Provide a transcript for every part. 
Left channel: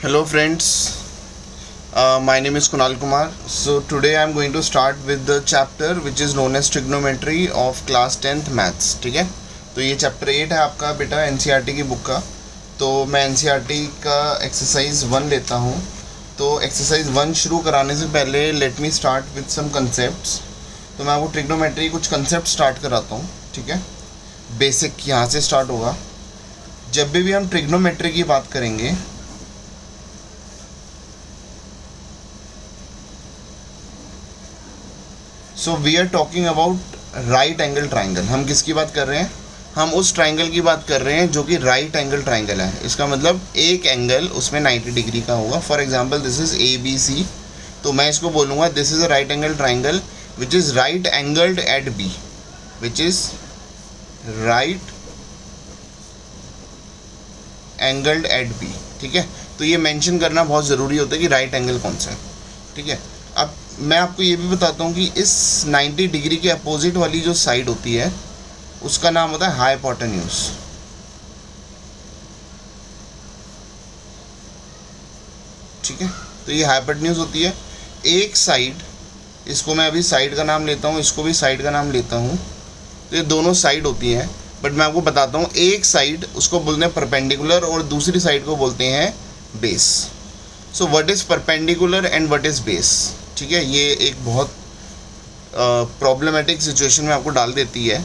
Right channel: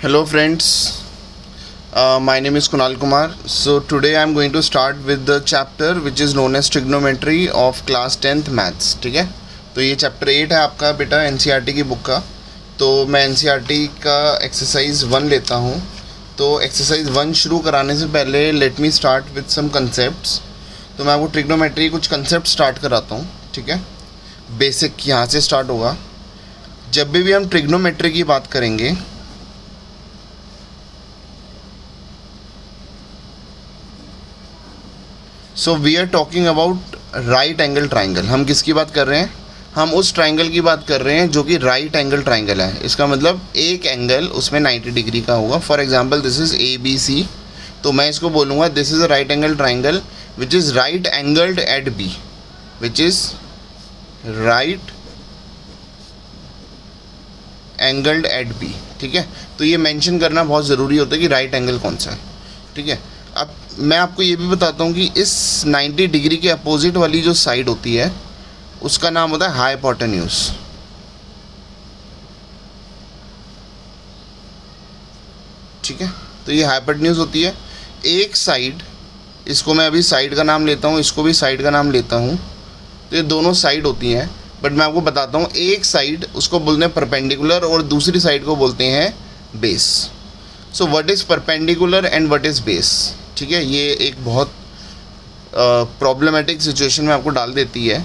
Hello friends, my name is Kunal Kumar. So today I am going to start with the chapter which is known as trigonometry of class 10th maths. ठीक है, तो ये chapter 8 है आपका बेटा NCERT की book का. तो मैं एनसीईआरटी का एक्सरसाइज 1 लेता हूँ. तो एक्सरसाइज 1 शुरू कराने से पहले let me start with some concepts. तो मैं आपको ट्रिग्नोमेट्री कुछ कंसेप्ट स्टार्ट कराता हूँ. ठीक है, बेसिक यहाँ से स्टार्ट होगा. जब भी हम ट्रिग्नोमेट्री की बात करेंगे so we are talking about right angle triangle. हम किसकी बात कर रहे हैं? हम उस ट्राइंगल की बात कर रहे हैं जो कि राइट एंगल ट्राइंगल है. इसका मतलब एक एंगल उसमें 90 डिग्री का होगा. For example this is A B C. तो मैं इसको बोलूँगा this is a right angle triangle which is right angled at B, which is right angled at B. ठीक है, तो ये मेंशन करना बहुत ज़रूरी होता है कि राइट एंगल कौन सा है. ठीक है, अब मैं आपको ये भी बताता हूँ कि इस 90 डिग्री के अपोजिट वाली जो साइड होती है उसका नाम होता है हाइपोटेन्यूज. ठीक है, तो ये हाइपोटेन्यूज होती है. एक साइड, इसको मैं अभी साइड का नाम लेता हूँ, इसको भी साइड का नाम लेता हूँ. तो ये दोनों साइड होती हैं, बट मैं आपको बताता हूँ एक साइड उसको बोलते हैं परपेंडिकुलर और दूसरी साइड को बोलते हैं base. So what is perpendicular and what is base. ठीक है, ये एक बहुत प्रॉब्लमेटिक सिचुएशन में आपको डाल देती है.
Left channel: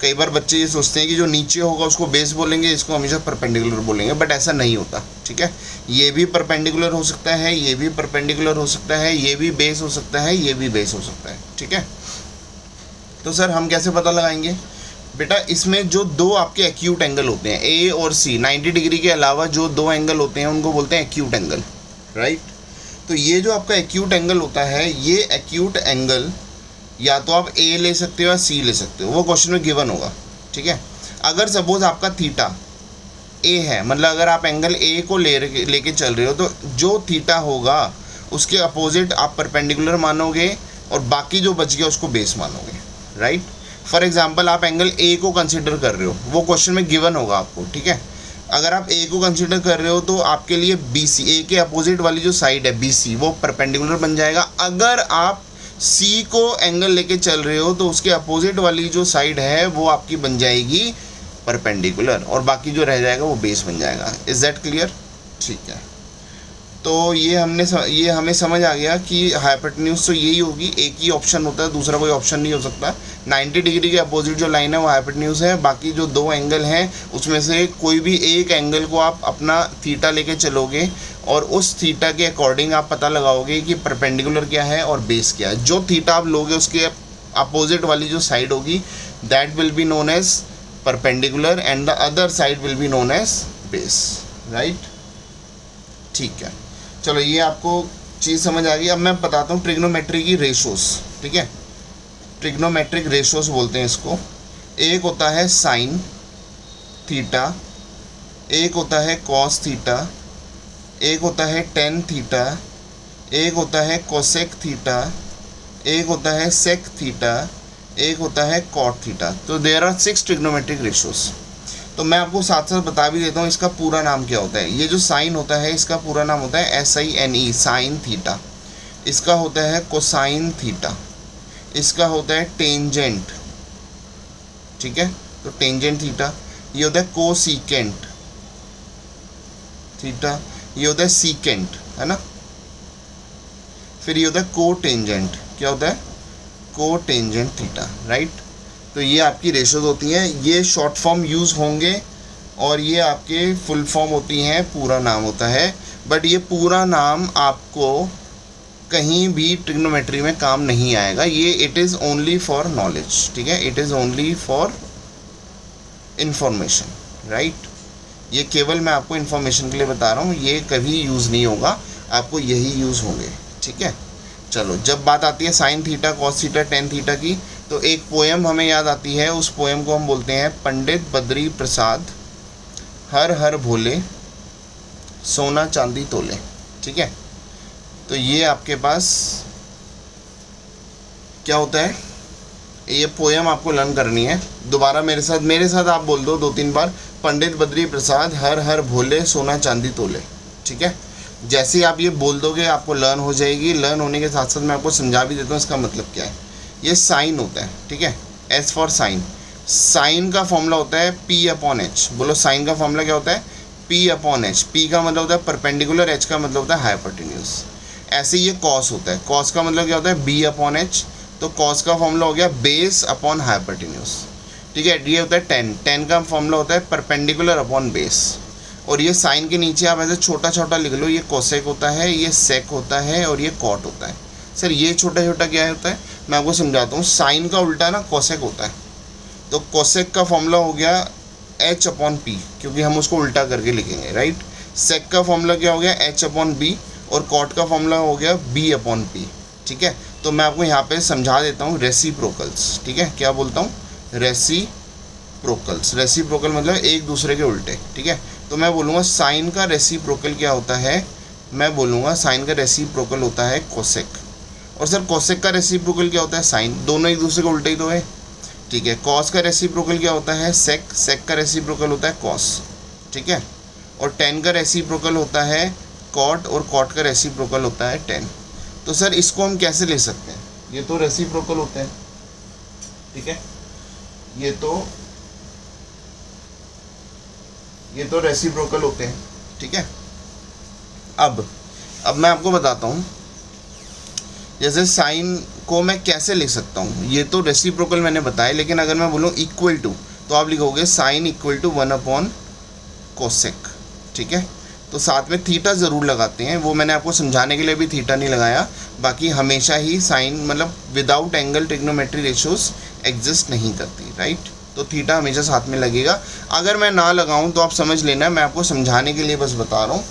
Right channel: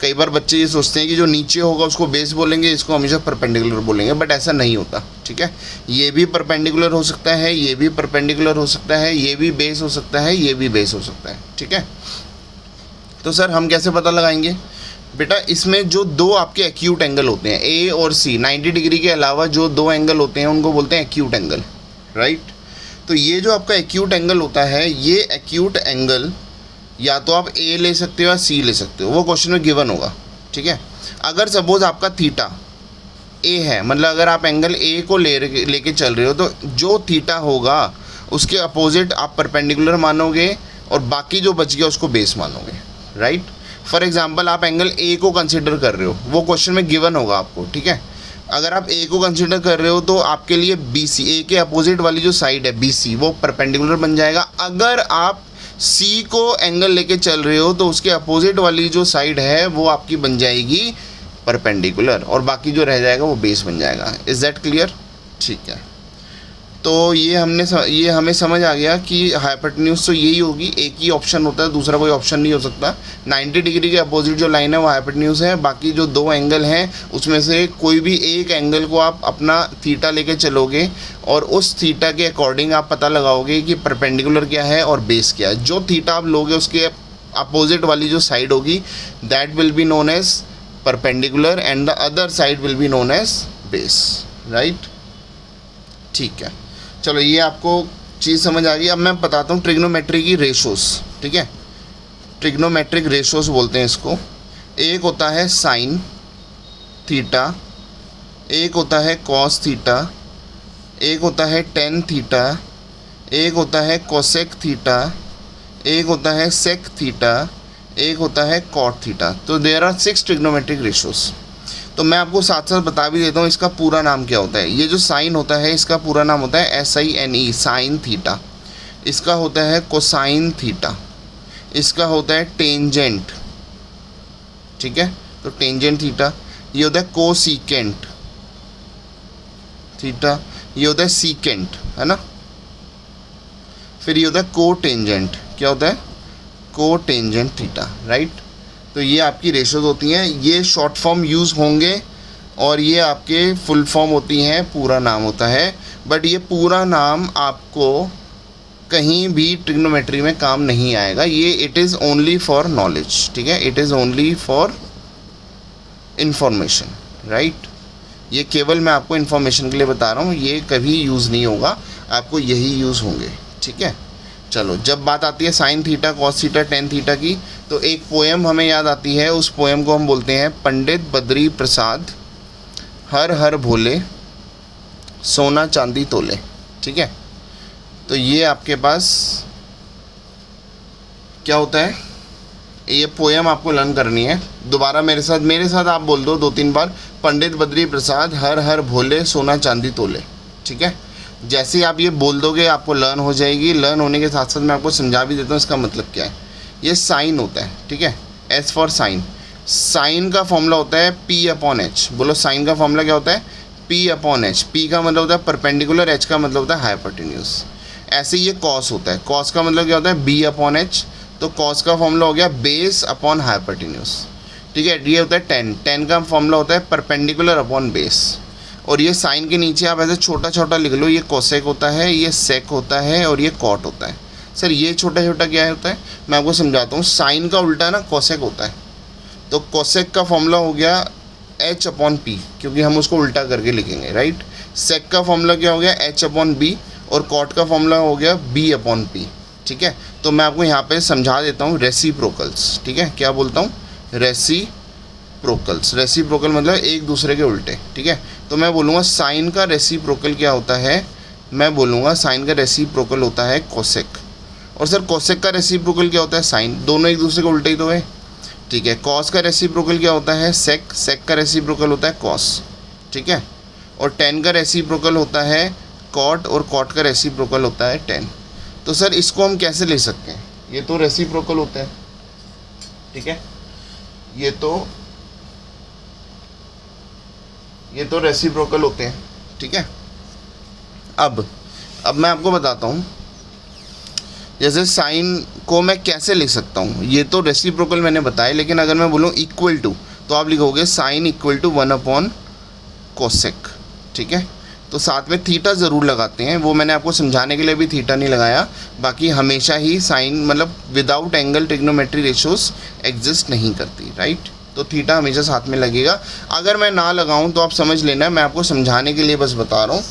कई बार बच्चे ये सोचते हैं कि जो नीचे होगा उसको बेस बोलेंगे, इसको हमेशा परपेंडिकुलर बोलेंगे, बट ऐसा नहीं होता. ठीक है, ये भी परपेंडिकुलर हो सकता है, ये भी परपेंडिकुलर हो सकता है, ये भी बेस हो सकता है, ये भी बेस हो सकता है. ठीक है, तो सर हम कैसे पता लगाएंगे? बेटा इसमें जो दो आपके एक्यूट एंगल होते हैं ए और सी, 90 डिग्री के अलावा जो दो एंगल होते हैं उनको बोलते हैं एक्यूट एंगल. राइट, तो ये जो आपका एक्यूट एंगल होता है, ये एक्यूट एंगल या तो आप ए ले सकते हो या सी ले सकते हो, वो क्वेश्चन में गिवन होगा. ठीक है, अगर सपोज आपका थीटा ए है, मतलब अगर आप एंगल ए को लेके चल रहे हो तो जो थीटा होगा उसके अपोजिट आप परपेंडिकुलर मानोगे और बाकी जो बच गया उसको बेस मानोगे. राइट, फॉर एग्जांपल आप एंगल ए को कंसिडर कर रहे हो, वो क्वेश्चन में गिवन होगा आपको. ठीक है, अगर आप ए को कंसिडर कर रहे हो तो आपके लिए बी सी, ए के अपोजिट वाली जो साइड है बी सी, वो परपेंडिकुलर बन जाएगा. अगर आप सी को एंगल लेके चल रहे हो तो उसके अपोजिट वाली जो साइड है वो आपकी बन जाएगी परपेंडिकुलर और बाकी जो रह जाएगा वो बेस बन जाएगा. Is that clear? ठीक है, तो ये हमें समझ आ गया कि हाइपोटेन्यूज तो यही होगी, एक ही ऑप्शन होता है, दूसरा कोई ऑप्शन नहीं हो सकता. 90 डिग्री के अपोजिट जो लाइन है वो हाइपोटेन्यूज है, बाकी जो दो एंगल हैं उसमें से कोई भी एक एंगल को आप अपना थीटा लेके चलोगे और उस थीटा के अकॉर्डिंग आप पता लगाओगे कि परपेंडिकुलर क्या है और बेस क्या है. जो थीटा आप लोगे उसके अपोजिट वाली जो साइड होगी that will be known as perpendicular and the other side will be known as base. Right, ठीक है, चलो ये आपको चीज़ समझ आ गई. अब मैं बताता हूँ ट्रिग्नोमेट्री की रेशोस. ठीक है, ट्रिग्नोमेट्रिक रेशोस बोलते हैं इसको. एक होता है साइन थीटा, एक होता है कॉस थीटा, एक होता है टेन थीटा, एक होता है कोसेक थीटा, एक होता है सेक थीटा, एक होता है कॉट थीटा. तो देयर आर 6 ट्रिग्नोमेट्रिक रेशोस. तो मैं आपको साथ साथ बता भी देता हूँ इसका पूरा नाम क्या होता है. ये जो साइन होता है इसका पूरा नाम होता है SINE, साइन थीटा. इसका होता है कोसाइन थीटा. इसका होता है टेंजेंट. ठीक है, तो टेंजेंट थीटा. ये होता है कोसिकेंट थीटा. ये होता है सीकेंट, है ना. फिर ये होता है कोटेंजेंट. क्या होता है? Cotangent theta. राइट, तो ये आपकी रेशोज होती हैं. ये शॉर्ट फॉर्म यूज़ होंगे और ये आपके फुल फॉर्म होती हैं, पूरा नाम होता है. बट ये पूरा नाम आपको कहीं भी ट्रिग्नोमेट्री में काम नहीं आएगा. ये it is only for knowledge. ठीक है, it is only for information. Right, ये केवल मैं आपको इन्फॉर्मेशन के लिए बता रहा हूँ, ये कभी यूज़ नहीं होगा, आपको यही यूज़ होंगे. ठीक है, चलो जब बात आती है sine theta, cos theta, tan theta की, तो एक पोएम हमें याद आती है. उस पोएम को हम बोलते हैं पंडित बद्री प्रसाद हर हर भोले सोना चांदी तोले. ठीक है, तो ये आपके पास क्या होता है, ये पोएम आपको लर्न करनी है. दोबारा मेरे साथ आप बोल दो 2-3 बार. पंडित बद्री प्रसाद हर हर भोले सोना चांदी तोले. ठीक है, जैसे ही आप ये बोल दोगे आपको लर्न हो जाएगी। लर्न होने के साथ साथ मैं आपको समझा भी देता हूँ इसका मतलब क्या है। ये साइन होता है, ठीक है, एस फॉर साइन। साइन का फॉर्मूला होता है पी अपॉन एच। बोलो साइन का फॉर्मूला क्या होता है? P upon H. पी का मतलब होता है परपेंडिकुलर, एच का मतलब होता है हाइपोटेन्यूज। ऐसे ये कॉस होता है। कॉस का मतलब क्या होता है? B upon H. तो कॉस का फॉर्मूला हो गया बेस अपॉन हाइपोटेन्यूज, ठीक है। ये होता है टेन। टेन का फॉर्मूला होता है परपेंडिकुलर अपॉन बेस। और ये साइन के नीचे आप ऐसे छोटा छोटा लिख लो, ये कोसेक होता है, ये सेक होता है और ये कॉट होता है। सर ये छोटा छोटा क्या होता है? मैं आपको समझाता हूँ। साइन का उल्टा ना कोसेक होता है। तो कोसेक का फॉर्मूला हो गया एच अपॉन पी, क्योंकि हम उसको उल्टा करके लिखेंगे, राइट। सेक का फॉर्मूला क्या हो गया? H upon B. और कॉट का फॉर्मूला हो गया बी अपॉन पी, ठीक है। तो मैं आपको यहाँ पे समझा देता हूँ रेसिप्रोकल्स, ठीक है। क्या बोलता हूँ? रेसिप्रोकल्स। रेसिप्रोकल मतलब एक दूसरे के उल्टे, ठीक है। तो मैं बोलूँगा साइन का रेसिप्रोकल क्या होता है? मैं बोलूँगा साइन का रेसिप्रोकल होता है कोसेक। और सर कोसेक का रेसिप्रोकल क्या होता है? साइन। दोनों एक दूसरे के उल्टे ही तो है, ठीक है। कॉस का रेसिप्रोकल क्या होता है? सेक। सेक का रेसिप्रोकल होता है कॉस, ठीक है। और टेन का रेसिप्रोकल होता है कॉट, और कॉट का रेसिप्रोकल होता है टेन। तो सर इसको हम कैसे ले सकते हैं? ये तो रेसिप्रोकल होता है, ठीक है। ये तो रेसिप्रोकल होते हैं, ठीक है। अब मैं आपको बताता हूँ जैसे साइन को मैं कैसे लिख सकता हूँ। ये तो रेसिप्रोकल मैंने बताया, लेकिन अगर मैं बोलूँ इक्वल टू, तो आप लिखोगे sine equal to 1 upon cosec, ठीक है। तो साथ में थीटा ज़रूर लगाते हैं, वो मैंने आपको समझाने के लिए भी थीटा नहीं लगाया। बाकी हमेशा ही साइन मतलब without angle trigonometry ratios exist नहीं करती, राइट। तो थीटा हमेशा साथ में लगेगा। अगर मैं ना लगाऊं तो आप समझ लेना, मैं आपको समझाने के लिए बस बता रहा हूँ,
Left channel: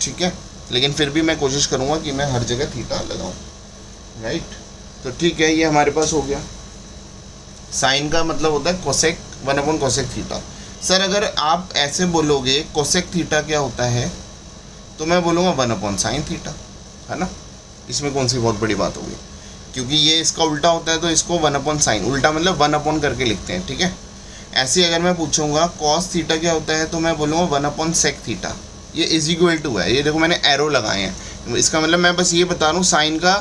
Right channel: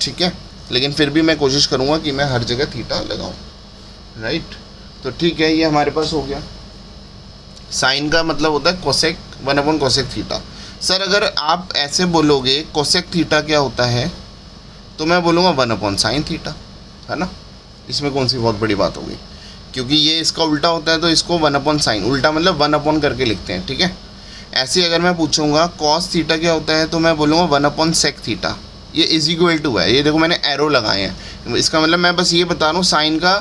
ठीक है। लेकिन फिर भी मैं कोशिश करूँगा कि मैं हर जगह थीटा लगाऊँ, राइट। तो ठीक है, ये हमारे पास हो गया। साइन का मतलब होता है cosec 1 upon cosec theta. Sir अगर आप ऐसे बोलोगे कोसेक थीटा क्या होता है, तो मैं बोलूँगा 1 अपॉन साइन थीटा, है ना। इसमें कौन सी बहुत बड़ी बात होगी, क्योंकि ये इसका उल्टा होता है तो इसको 1 अपॉन साइन, उल्टा मतलब 1 अपॉन करके लिखते हैं, ठीक है। ऐसे अगर मैं पूछूंगा कॉस थीटा क्या होता है, तो मैं बोलूँगा 1 अपॉन सेक थीटा। ये इज इक्वल टू है, ये देखो मैंने एरो लगाए हैं। इसका मतलब मैं बस ये बता रहा हूँ साइन का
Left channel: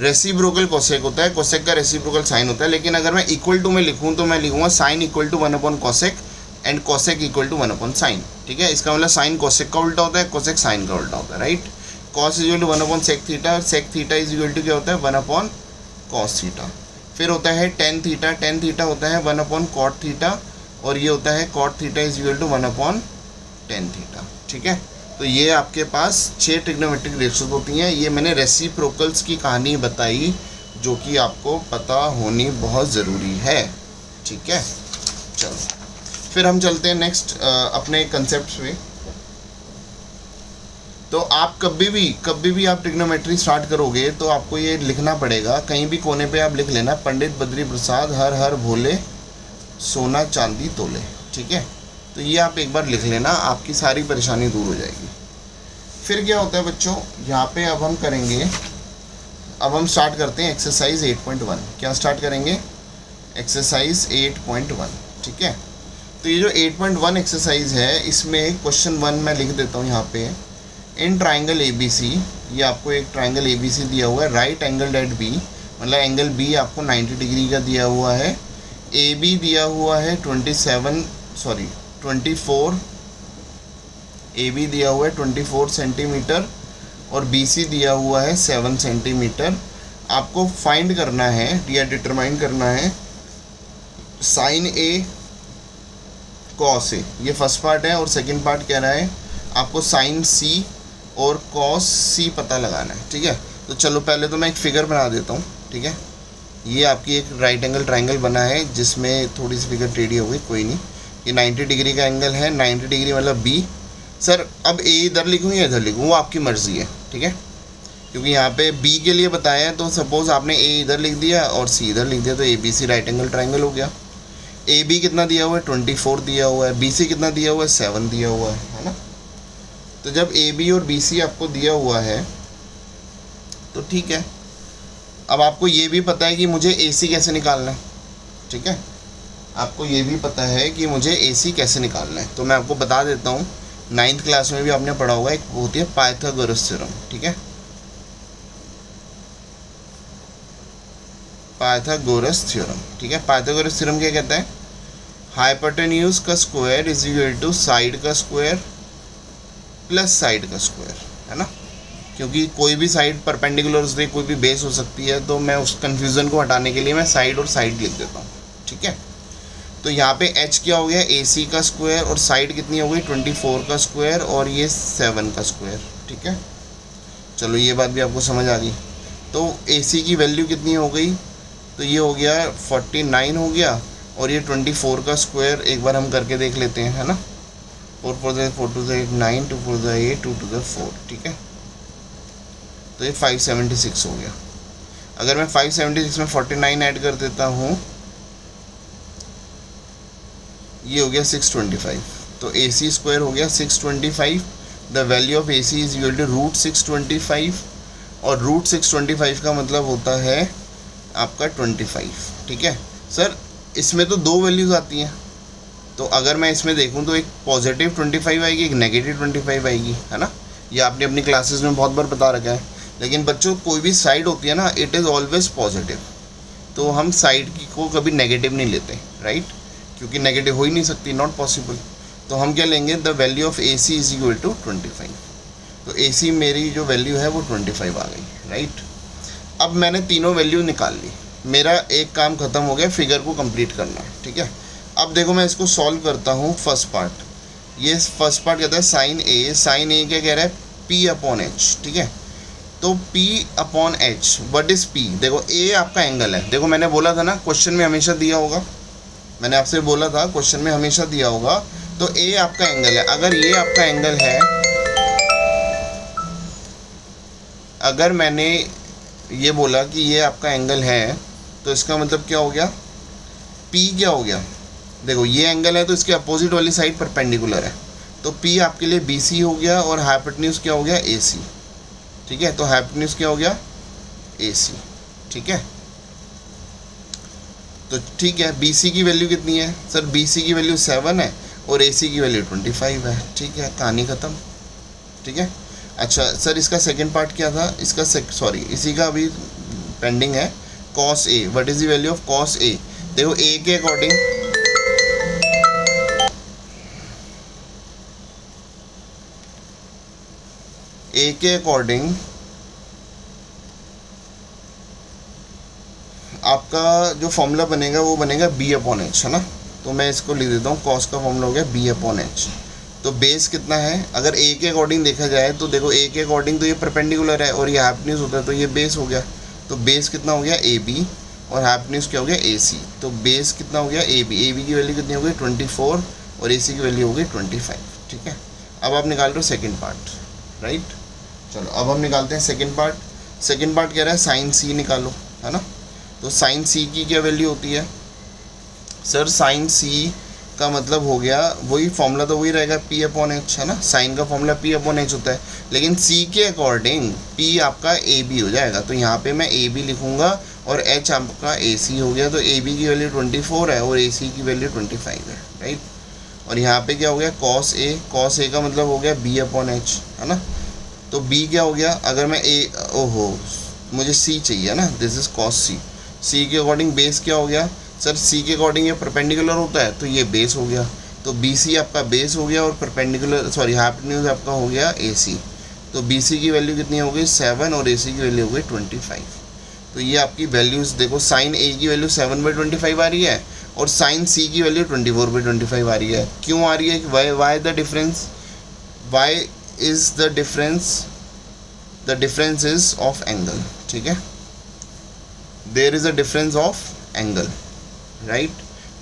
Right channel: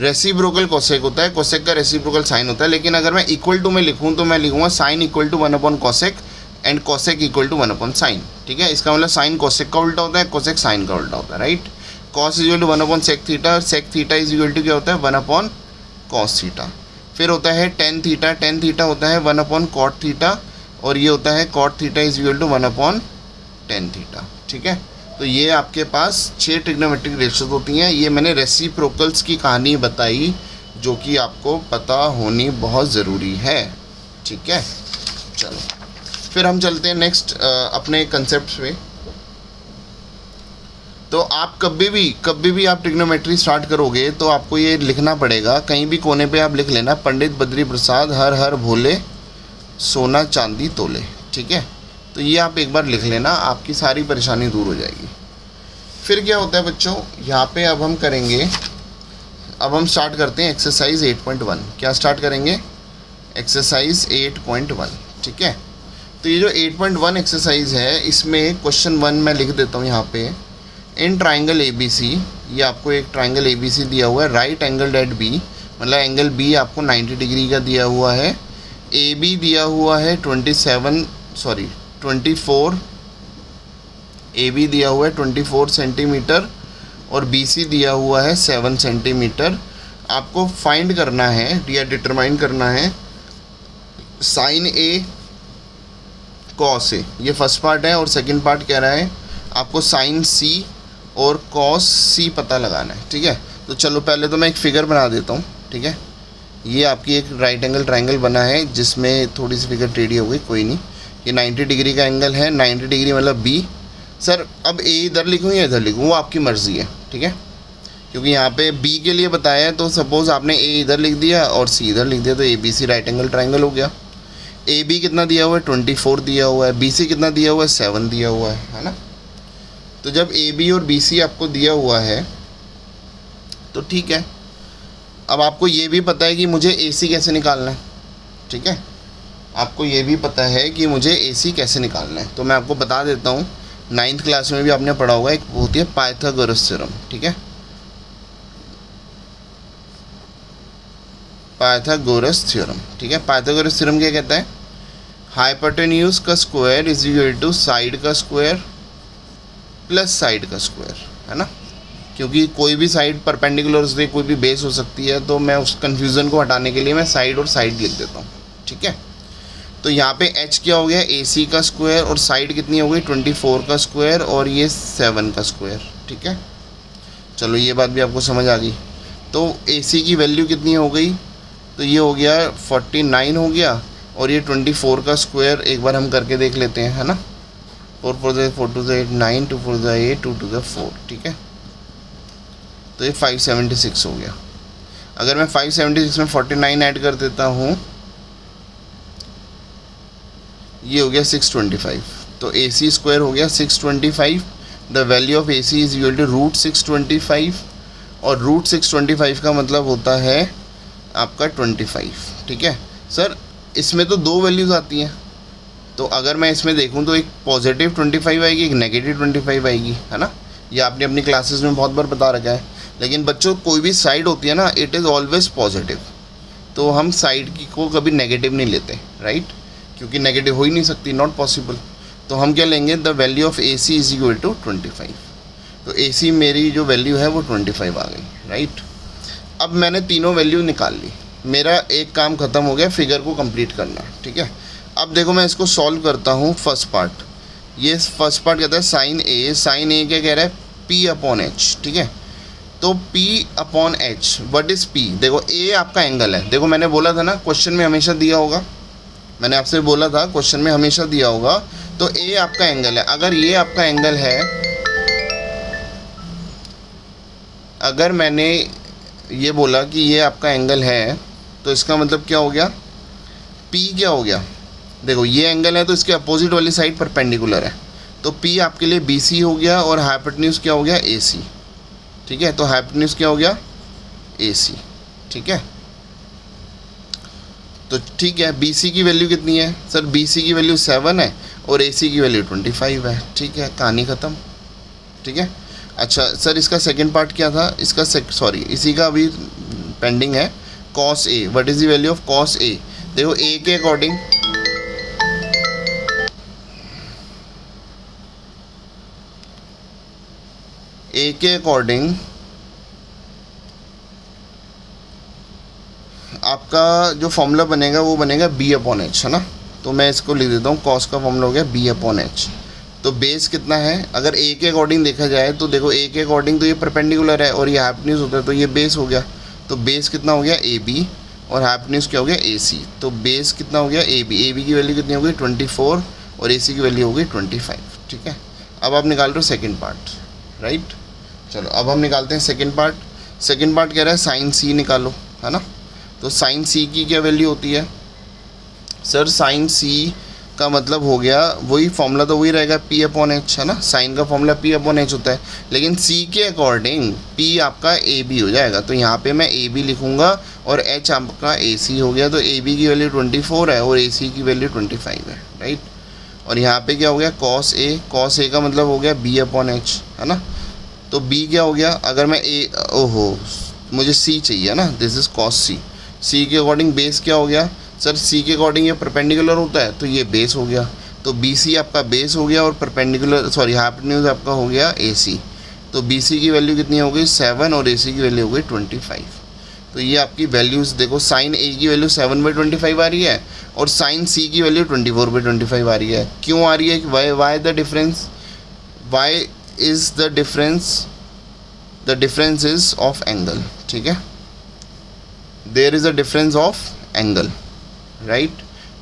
रेसिप्रोकल कोसेक होता है, कोसेक का रेसिप्रोकल साइन होता है। लेकिन अगर मैं इक्वल टू में लिखूँ तो मैं लिखूँगा sine equal to 1 upon cosec and cosec equal to 1 upon sine, ठीक है। इसका मतलब साइन कोसेक का उल्टा होता है, कोसेक साइन का उल्टा होता है, right. Cos is equal to 1 upon sec theta, और sec theta is equal to क्या होता है? 1 अपॉन कॉस थीटा। फिर होता है टेन थीटा। टेन थीटा होता है 1 अपॉन कॉट थीटा, और ये होता है cot theta is equal to 1 upon tan theta, ठीक है। तो ये आपके पास 6 ट्रिग्नोमेट्रिक रेशियोज होती हैं। ये मैंने रेसिप्रोकल्स की कहानी बताई, जो कि आपको पता होनी बहुत ज़रूरी है, ठीक है। चलो फिर हम चलते हैं नेक्स्ट अपने कंसेप्ट पे। तो आप कभी भी आप ट्रिग्नोमेट्री स्टार्ट करोगे तो आपको ये लिखना पड़ेगा, कहीं भी कोने पे आप लिख लेना, पंडित बद्री प्रसाद हर हर भोले सोना चांदी तोले, ठीक है। तो ये आप एक बार लिख लेना, आपकी सारी परेशानी दूर हो जाएगी। फिर क्या होता है बच्चों, यहाँ पे अब हम स्टार्ट करते हैं एक्सरसाइज 8.1। क्या स्टार्ट करेंगे? एक्सरसाइज 8.1, ठीक है। तो ये जो 8.1 एक्सरसाइज है, इसमें क्वेश्चन 1 मैं लिख देता हूँ यहाँ पे। इन ट्राइंगल ABC, ये आपको एक ट्राइंगल ABC दिया हुआ है, राइट एंगल एट B, मतलब एंगल B आपको 90 डिग्री का दिया हुआ है। AB दिया हुआ है 24, AB दिया हुआ है 24 सेंटीमीटर, और BC दिया हुआ है 7 सेंटीमीटर। आपको फाइंड करना है या डिटरमाइन करना है साइन A कॉस A, ये फर्स्ट पार्ट है। और सेकंड पार्ट कह रहा है आपको साइन C और कॉस C पता लगाना है, ठीक है। तो चलो पहले तो मैं एक फिगर बना देता हूँ, ठीक है। ये आपकी एक राइट एंगल ट्राइंगल बना है, जिसमें थोड़ी सी फिगर टेढ़ी हो गई, कोई नहीं। ये 90 डिग्री का एंगल है, 90 डिग्री मतलब B। सर अब A इधर लिखूँ या इधर लिखूँ, वो आपकी मर्ज़ी है, ठीक है। क्योंकि यहाँ पे B के लिए बताया है, तो सपोज़ आपने A इधर लिख दिया और C इधर लिख दिया, तो ABC राइट एंगल ट्राइंगल हो गया। AB कितना दिया हुआ है? 24 दिया हुआ है। BC कितना दिया हुआ है? 7 दिया हुआ है ना। तो जब AB और BC आपको दिया हुआ है तो ठीक है। अब आपको ये भी पता है कि मुझे AC कैसे निकालना है, ठीक है। आपको ये भी पता है कि मुझे AC कैसे निकालना है। तो मैं आपको बता देता हूँ 9th क्लास में भी आपने पढ़ा होगा, एक होती है पाइथागोरस थ्योरम, ठीक है, पाइथागोरस थ्योरम, ठीक है। पाइथागोरस थ्योरम क्या कहता है, हाइपोटेन्यूज का square is equal to side का स्क्वायर प्लस साइड का स्क्वायर, है ना, क्योंकि कोई भी साइड परपेंडिकुलर हो सकती है, कोई भी बेस हो सकती है, तो मैं उस कन्फ्यूज़न को हटाने के लिए मैं साइड और साइड लिख देता हूँ, ठीक है। तो यहाँ पे h क्या हो गया, AC का स्क्वायर, और साइड कितनी हो गई 24 का स्क्वायर, और ये 7 का स्क्वायर, ठीक है। चलो ये बात भी आपको समझ आ गई। तो AC की वैल्यू कितनी हो गई, तो ये हो गया 49 हो गया, और ये 24 का स्क्वायर एक बार हम करके देख लेते हैं, है ना। 4 4 2 8 9, 2 4 8, 2 2 4, ठीक है। तो ये 576 हो गया। अगर मैं 576 में 49 ऐड कर देता हूँ, ये हो गया 625। तो AC स्क्वायर हो गया 625। The value of AC is equal to root 625, और रूट 625 का मतलब होता है आपका 25, ठीक है। सर इसमें तो दो वैल्यूज़ आती हैं, तो अगर मैं इसमें देखूं तो एक पॉजिटिव 25 आएगी, एक नेगेटिव 25 आएगी, है ना। ये आपने अपनी क्लासेस में बहुत बार बता रखा है। लेकिन बच्चों कोई भी साइड होती है ना, इट इज़ ऑलवेज पॉजिटिव, तो हम साइड की को कभी नेगेटिव नहीं लेते, राइट, क्योंकि नेगेटिव हो ही नहीं सकती, नॉट पॉसिबल। तो हम क्या लेंगे, the value of AC is equal to 25। तो AC मेरी जो वैल्यू है वो 25 आ गई, राइट। अब मैंने तीनों वैल्यू निकाल ली, मेरा एक काम ख़त्म हो गया, फिगर को कंप्लीट करना, ठीक है। अब देखो मैं इसको सॉल्व करता हूँ। फर्स्ट पार्ट, ये फर्स्ट पार्ट कहता है साइन A। साइन A क्या कह रहा है, P/H, ठीक है। तो P/H, व्हाट इज़ P, देखो A आपका एंगल है। देखो मैंने बोला था ना, क्वेश्चन में हमेशा दिया होगा, मैंने आपसे बोला था क्वेश्चन में हमेशा दिया होगा। तो A आपका एंगल है, अगर ये आपका एंगल है, अगर मैंने ये बोला कि ये आपका एंगल है, तो इसका मतलब क्या हो गया, P क्या हो गया, देखो ये एंगल है तो इसके अपोजिट वाली साइड परपेंडिकुलर है, तो P आपके लिए BC हो गया, और हाइपोटेन्यूज क्या हो गया, AC, ठीक है। तो हाइपोटेन्यूज क्या हो गया, AC, ठीक है। तो ठीक है, BC की वैल्यू कितनी है, सर BC की वैल्यू 7 है, और AC की वैल्यू 25 है, ठीक है, कहानी ख़त्म, ठीक है। अच्छा सर इसका सेकंड पार्ट क्या था, इसका सॉरी इसी का अभी पेंडिंग है, cos A, what is the value of cos A। देखो A के अकॉर्डिंग, A के अकॉर्डिंग आपका जो फॉर्मूला बनेगा वो बनेगा B/H, है ना। तो मैं इसको लिख देता हूँ, कॉस का फॉर्मूला हो गया B/H। तो बेस कितना है, अगर A के अकॉर्डिंग देखा जाए तो देखो A के अकॉर्डिंग तो ये परपेंडिकुलर है, और ये हाइपोटेन्यूज होता है, तो ये बेस हो गया। तो बेस कितना हो गया AB, और हाइपोटेन्यूज क्या हो गया AC। तो बेस कितना हो गया AB की वैल्यू कितनी हो गई 24, और AC की वैल्यू हो गई 25, ठीक है। अब आप निकाल रहे हो सेकेंड पार्ट, राइट। चलो अब हम निकालते हैं सेकेंड पार्ट। सेकेंड पार्ट कह रहा है साइन C निकालो, है ना। तो साइन C की क्या वैल्यू होती है, सर साइन C का मतलब हो गया, वही फॉर्मूला तो वही रहेगा P/H, है ना। साइन का फॉर्मूला P/H होता है, लेकिन C के अकॉर्डिंग P आपका AB हो जाएगा। तो यहाँ पे मैं AB लिखूँगा, और H आपका AC हो गया। तो AB की वैल्यू 24 है, और AC की वैल्यू 25 है, राइट। और यहाँ पे क्या हो गया, cos A का मतलब हो गया B/H, है ना। तो B क्या हो गया, अगर मैं ओहो मुझे C चाहिए ना, दिस इज़ cos C के अकॉर्डिंग बेस क्या हो गया, सर C के अकॉर्डिंग ये परपेंडिकुलर होता है, तो ये बेस हो गया। तो BC आपका बेस हो गया, और परपेंडिकुलर सॉरी हाइपोटेन्यूज आपका हो गया AC। तो BC की वैल्यू कितनी हो गई 7, और AC की वैल्यू हो गई 25। तो ये आपकी वैल्यूज़ देखो, साइन A की वैल्यू 7/25 आ रही है, और साइन C की वैल्यू 24/25 आ रही है। क्यों आ रही है, why the difference, why is the difference is of angle, ठीक है। There is a difference of angle, right.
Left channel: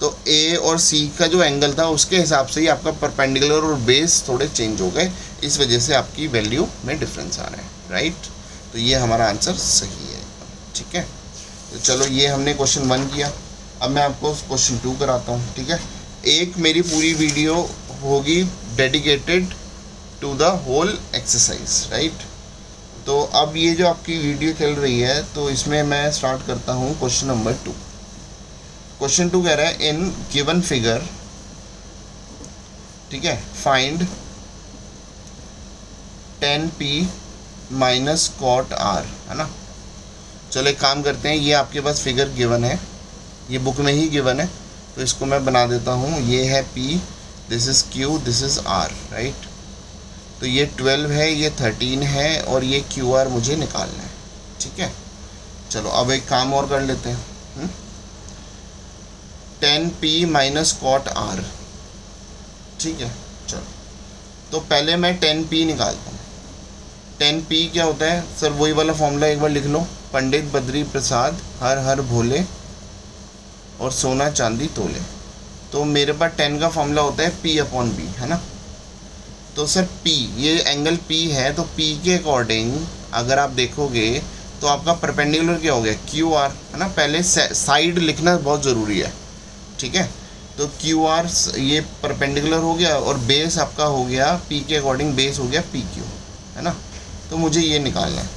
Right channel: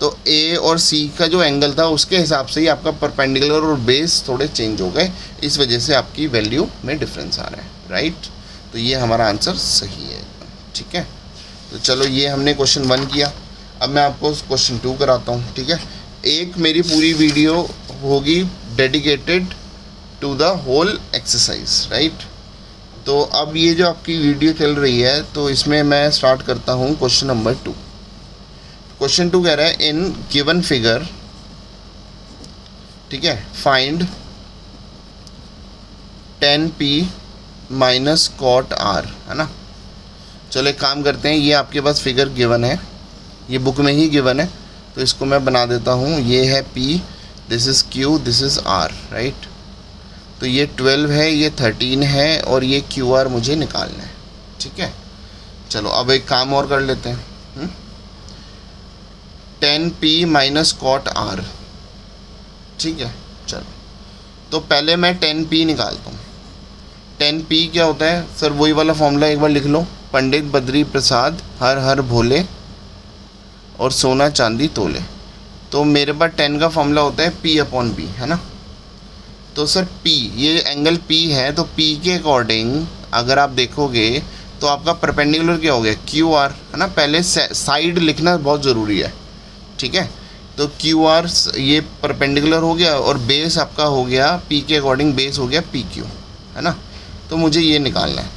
तो A और C का जो एंगल था उसके हिसाब से ही आपका परपेंडिकुलर और बेस थोड़े चेंज हो गए, इस वजह से आपकी वैल्यू में डिफरेंस आ रहा है, राइट। तो ये हमारा आंसर सही है, ठीक है। तो चलो ये हमने क्वेश्चन 1 किया। अब मैं आपको क्वेश्चन 2 कराता हूँ, ठीक है। एक मेरी पूरी वीडियो होगी dedicated to the whole exercise, right. तो अब ये जो आपकी वीडियो चल रही है, तो इसमें मैं स्टार्ट करता हूँ क्वेश्चन नंबर 2। क्वेश्चन 2 कह रहा है इन गिवन फिगर, ठीक है, find 10p minus cot R, है ना। चलो एक काम करते हैं, ये आपके पास फिगर गिवन है, ये बुक में ही गिवन है, तो इसको मैं बना देता हूँ। ये है p, this is q, this is r, right. तो ये 12 है, ये 13 है, और ये QR मुझे निकालना है, ठीक है। चलो अब एक काम और कर लेते हैं। 10p माइनस कॉट r, ठीक है। चलो तो पहले मैं 10p निकालता हूँ। 10p क्या होता है सर? वही वाला फॉर्मूला एक बार लिख लो, पंडित बद्री प्रसाद हर हर भोले और सोना चांदी तोले। तो मेरे पास 10 का फॉर्मूला होता है p/b, है ना। तो सर p, ये एंगल p है, तो p के अकॉर्डिंग अगर आप देखोगे तो आपका परपेंडिकुलर क्या हो गया? QR, है ना। पहले साइड लिखना बहुत ज़रूरी है, ठीक है। तो QR ये परपेंडिकुलर हो गया, और बेस आपका हो गया p के अकॉर्डिंग, बेस हो गया PQ, है ना। तो मुझे ये निकालना है,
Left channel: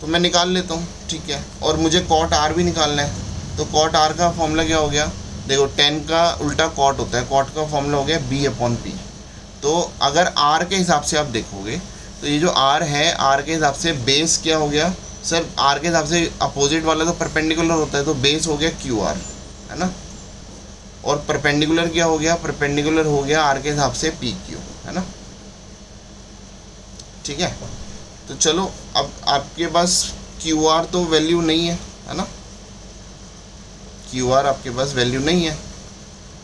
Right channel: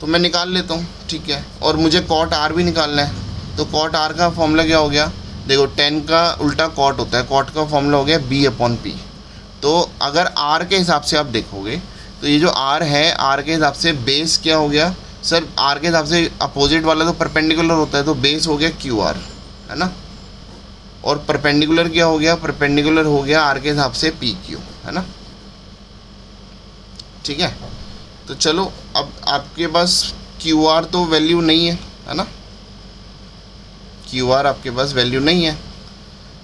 तो मैं निकाल लेता हूँ, ठीक है। और मुझे कॉट R भी निकालना है, तो कॉट R का फॉर्मूला क्या हो गया? देखो 10 का उल्टा कॉट होता है, कॉट का फॉर्मूला हो गया B/P। तो अगर R के हिसाब से आप देखोगे तो ये जो R है, R के हिसाब से बेस क्या हो गया सर? R के हिसाब से अपोजिट वाला तो परपेंडिकुलर होता है, तो बेस हो गया QR, है ना। और परपेंडिकुलर क्या हो गया? परपेंडिकुलर हो गया R के हिसाब से PQ, है ना, ठीक है। तो चलो अब आपके पास QR तो वैल्यू नहीं है ना, QR आपके पास वैल्यू नहीं है,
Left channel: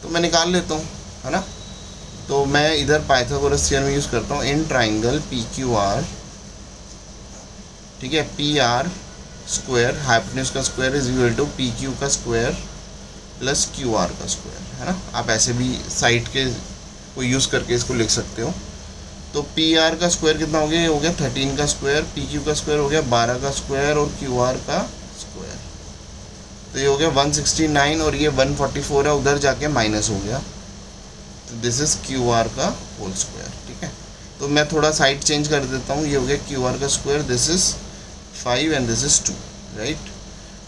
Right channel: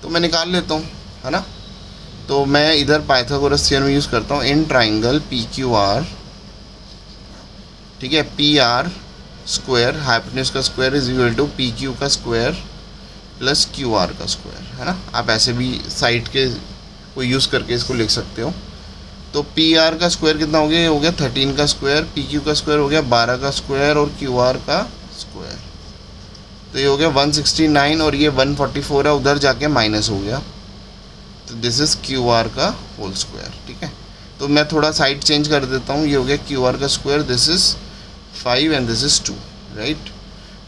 तो मैं निकाल लेता हूँ, है ना। तो मैं इधर पाइथागोरस थ्योरम यूज़ करता हूँ। इन ट्राइंगल PQR, ठीक है, PR स्क्वायर, हाइपोटेन्यूज का square is equal to PQ का स्क्वायर प्लस QR का स्क्वायर, है ना। आप ऐसे भी साइड के को यूज़ करके इसको लिख सकते हो। तो PR का स्क्वायर कितना हो गया? ये हो गया 13 का स्क्वायर, PQ का स्क्वायर हो गया 12 का स्क्वायर, और QR का स्क्वायर, तो ये हो गया 169, और ये 144 है, उधर जाके माइनस हो गया, तो दिस इज़ QR का होल स्क्वायर, ठीक है। तो मैं थोड़ा साइड चेंज कर देता हूँ, ये हो गया QR का square, this is 5 and this is 2, right.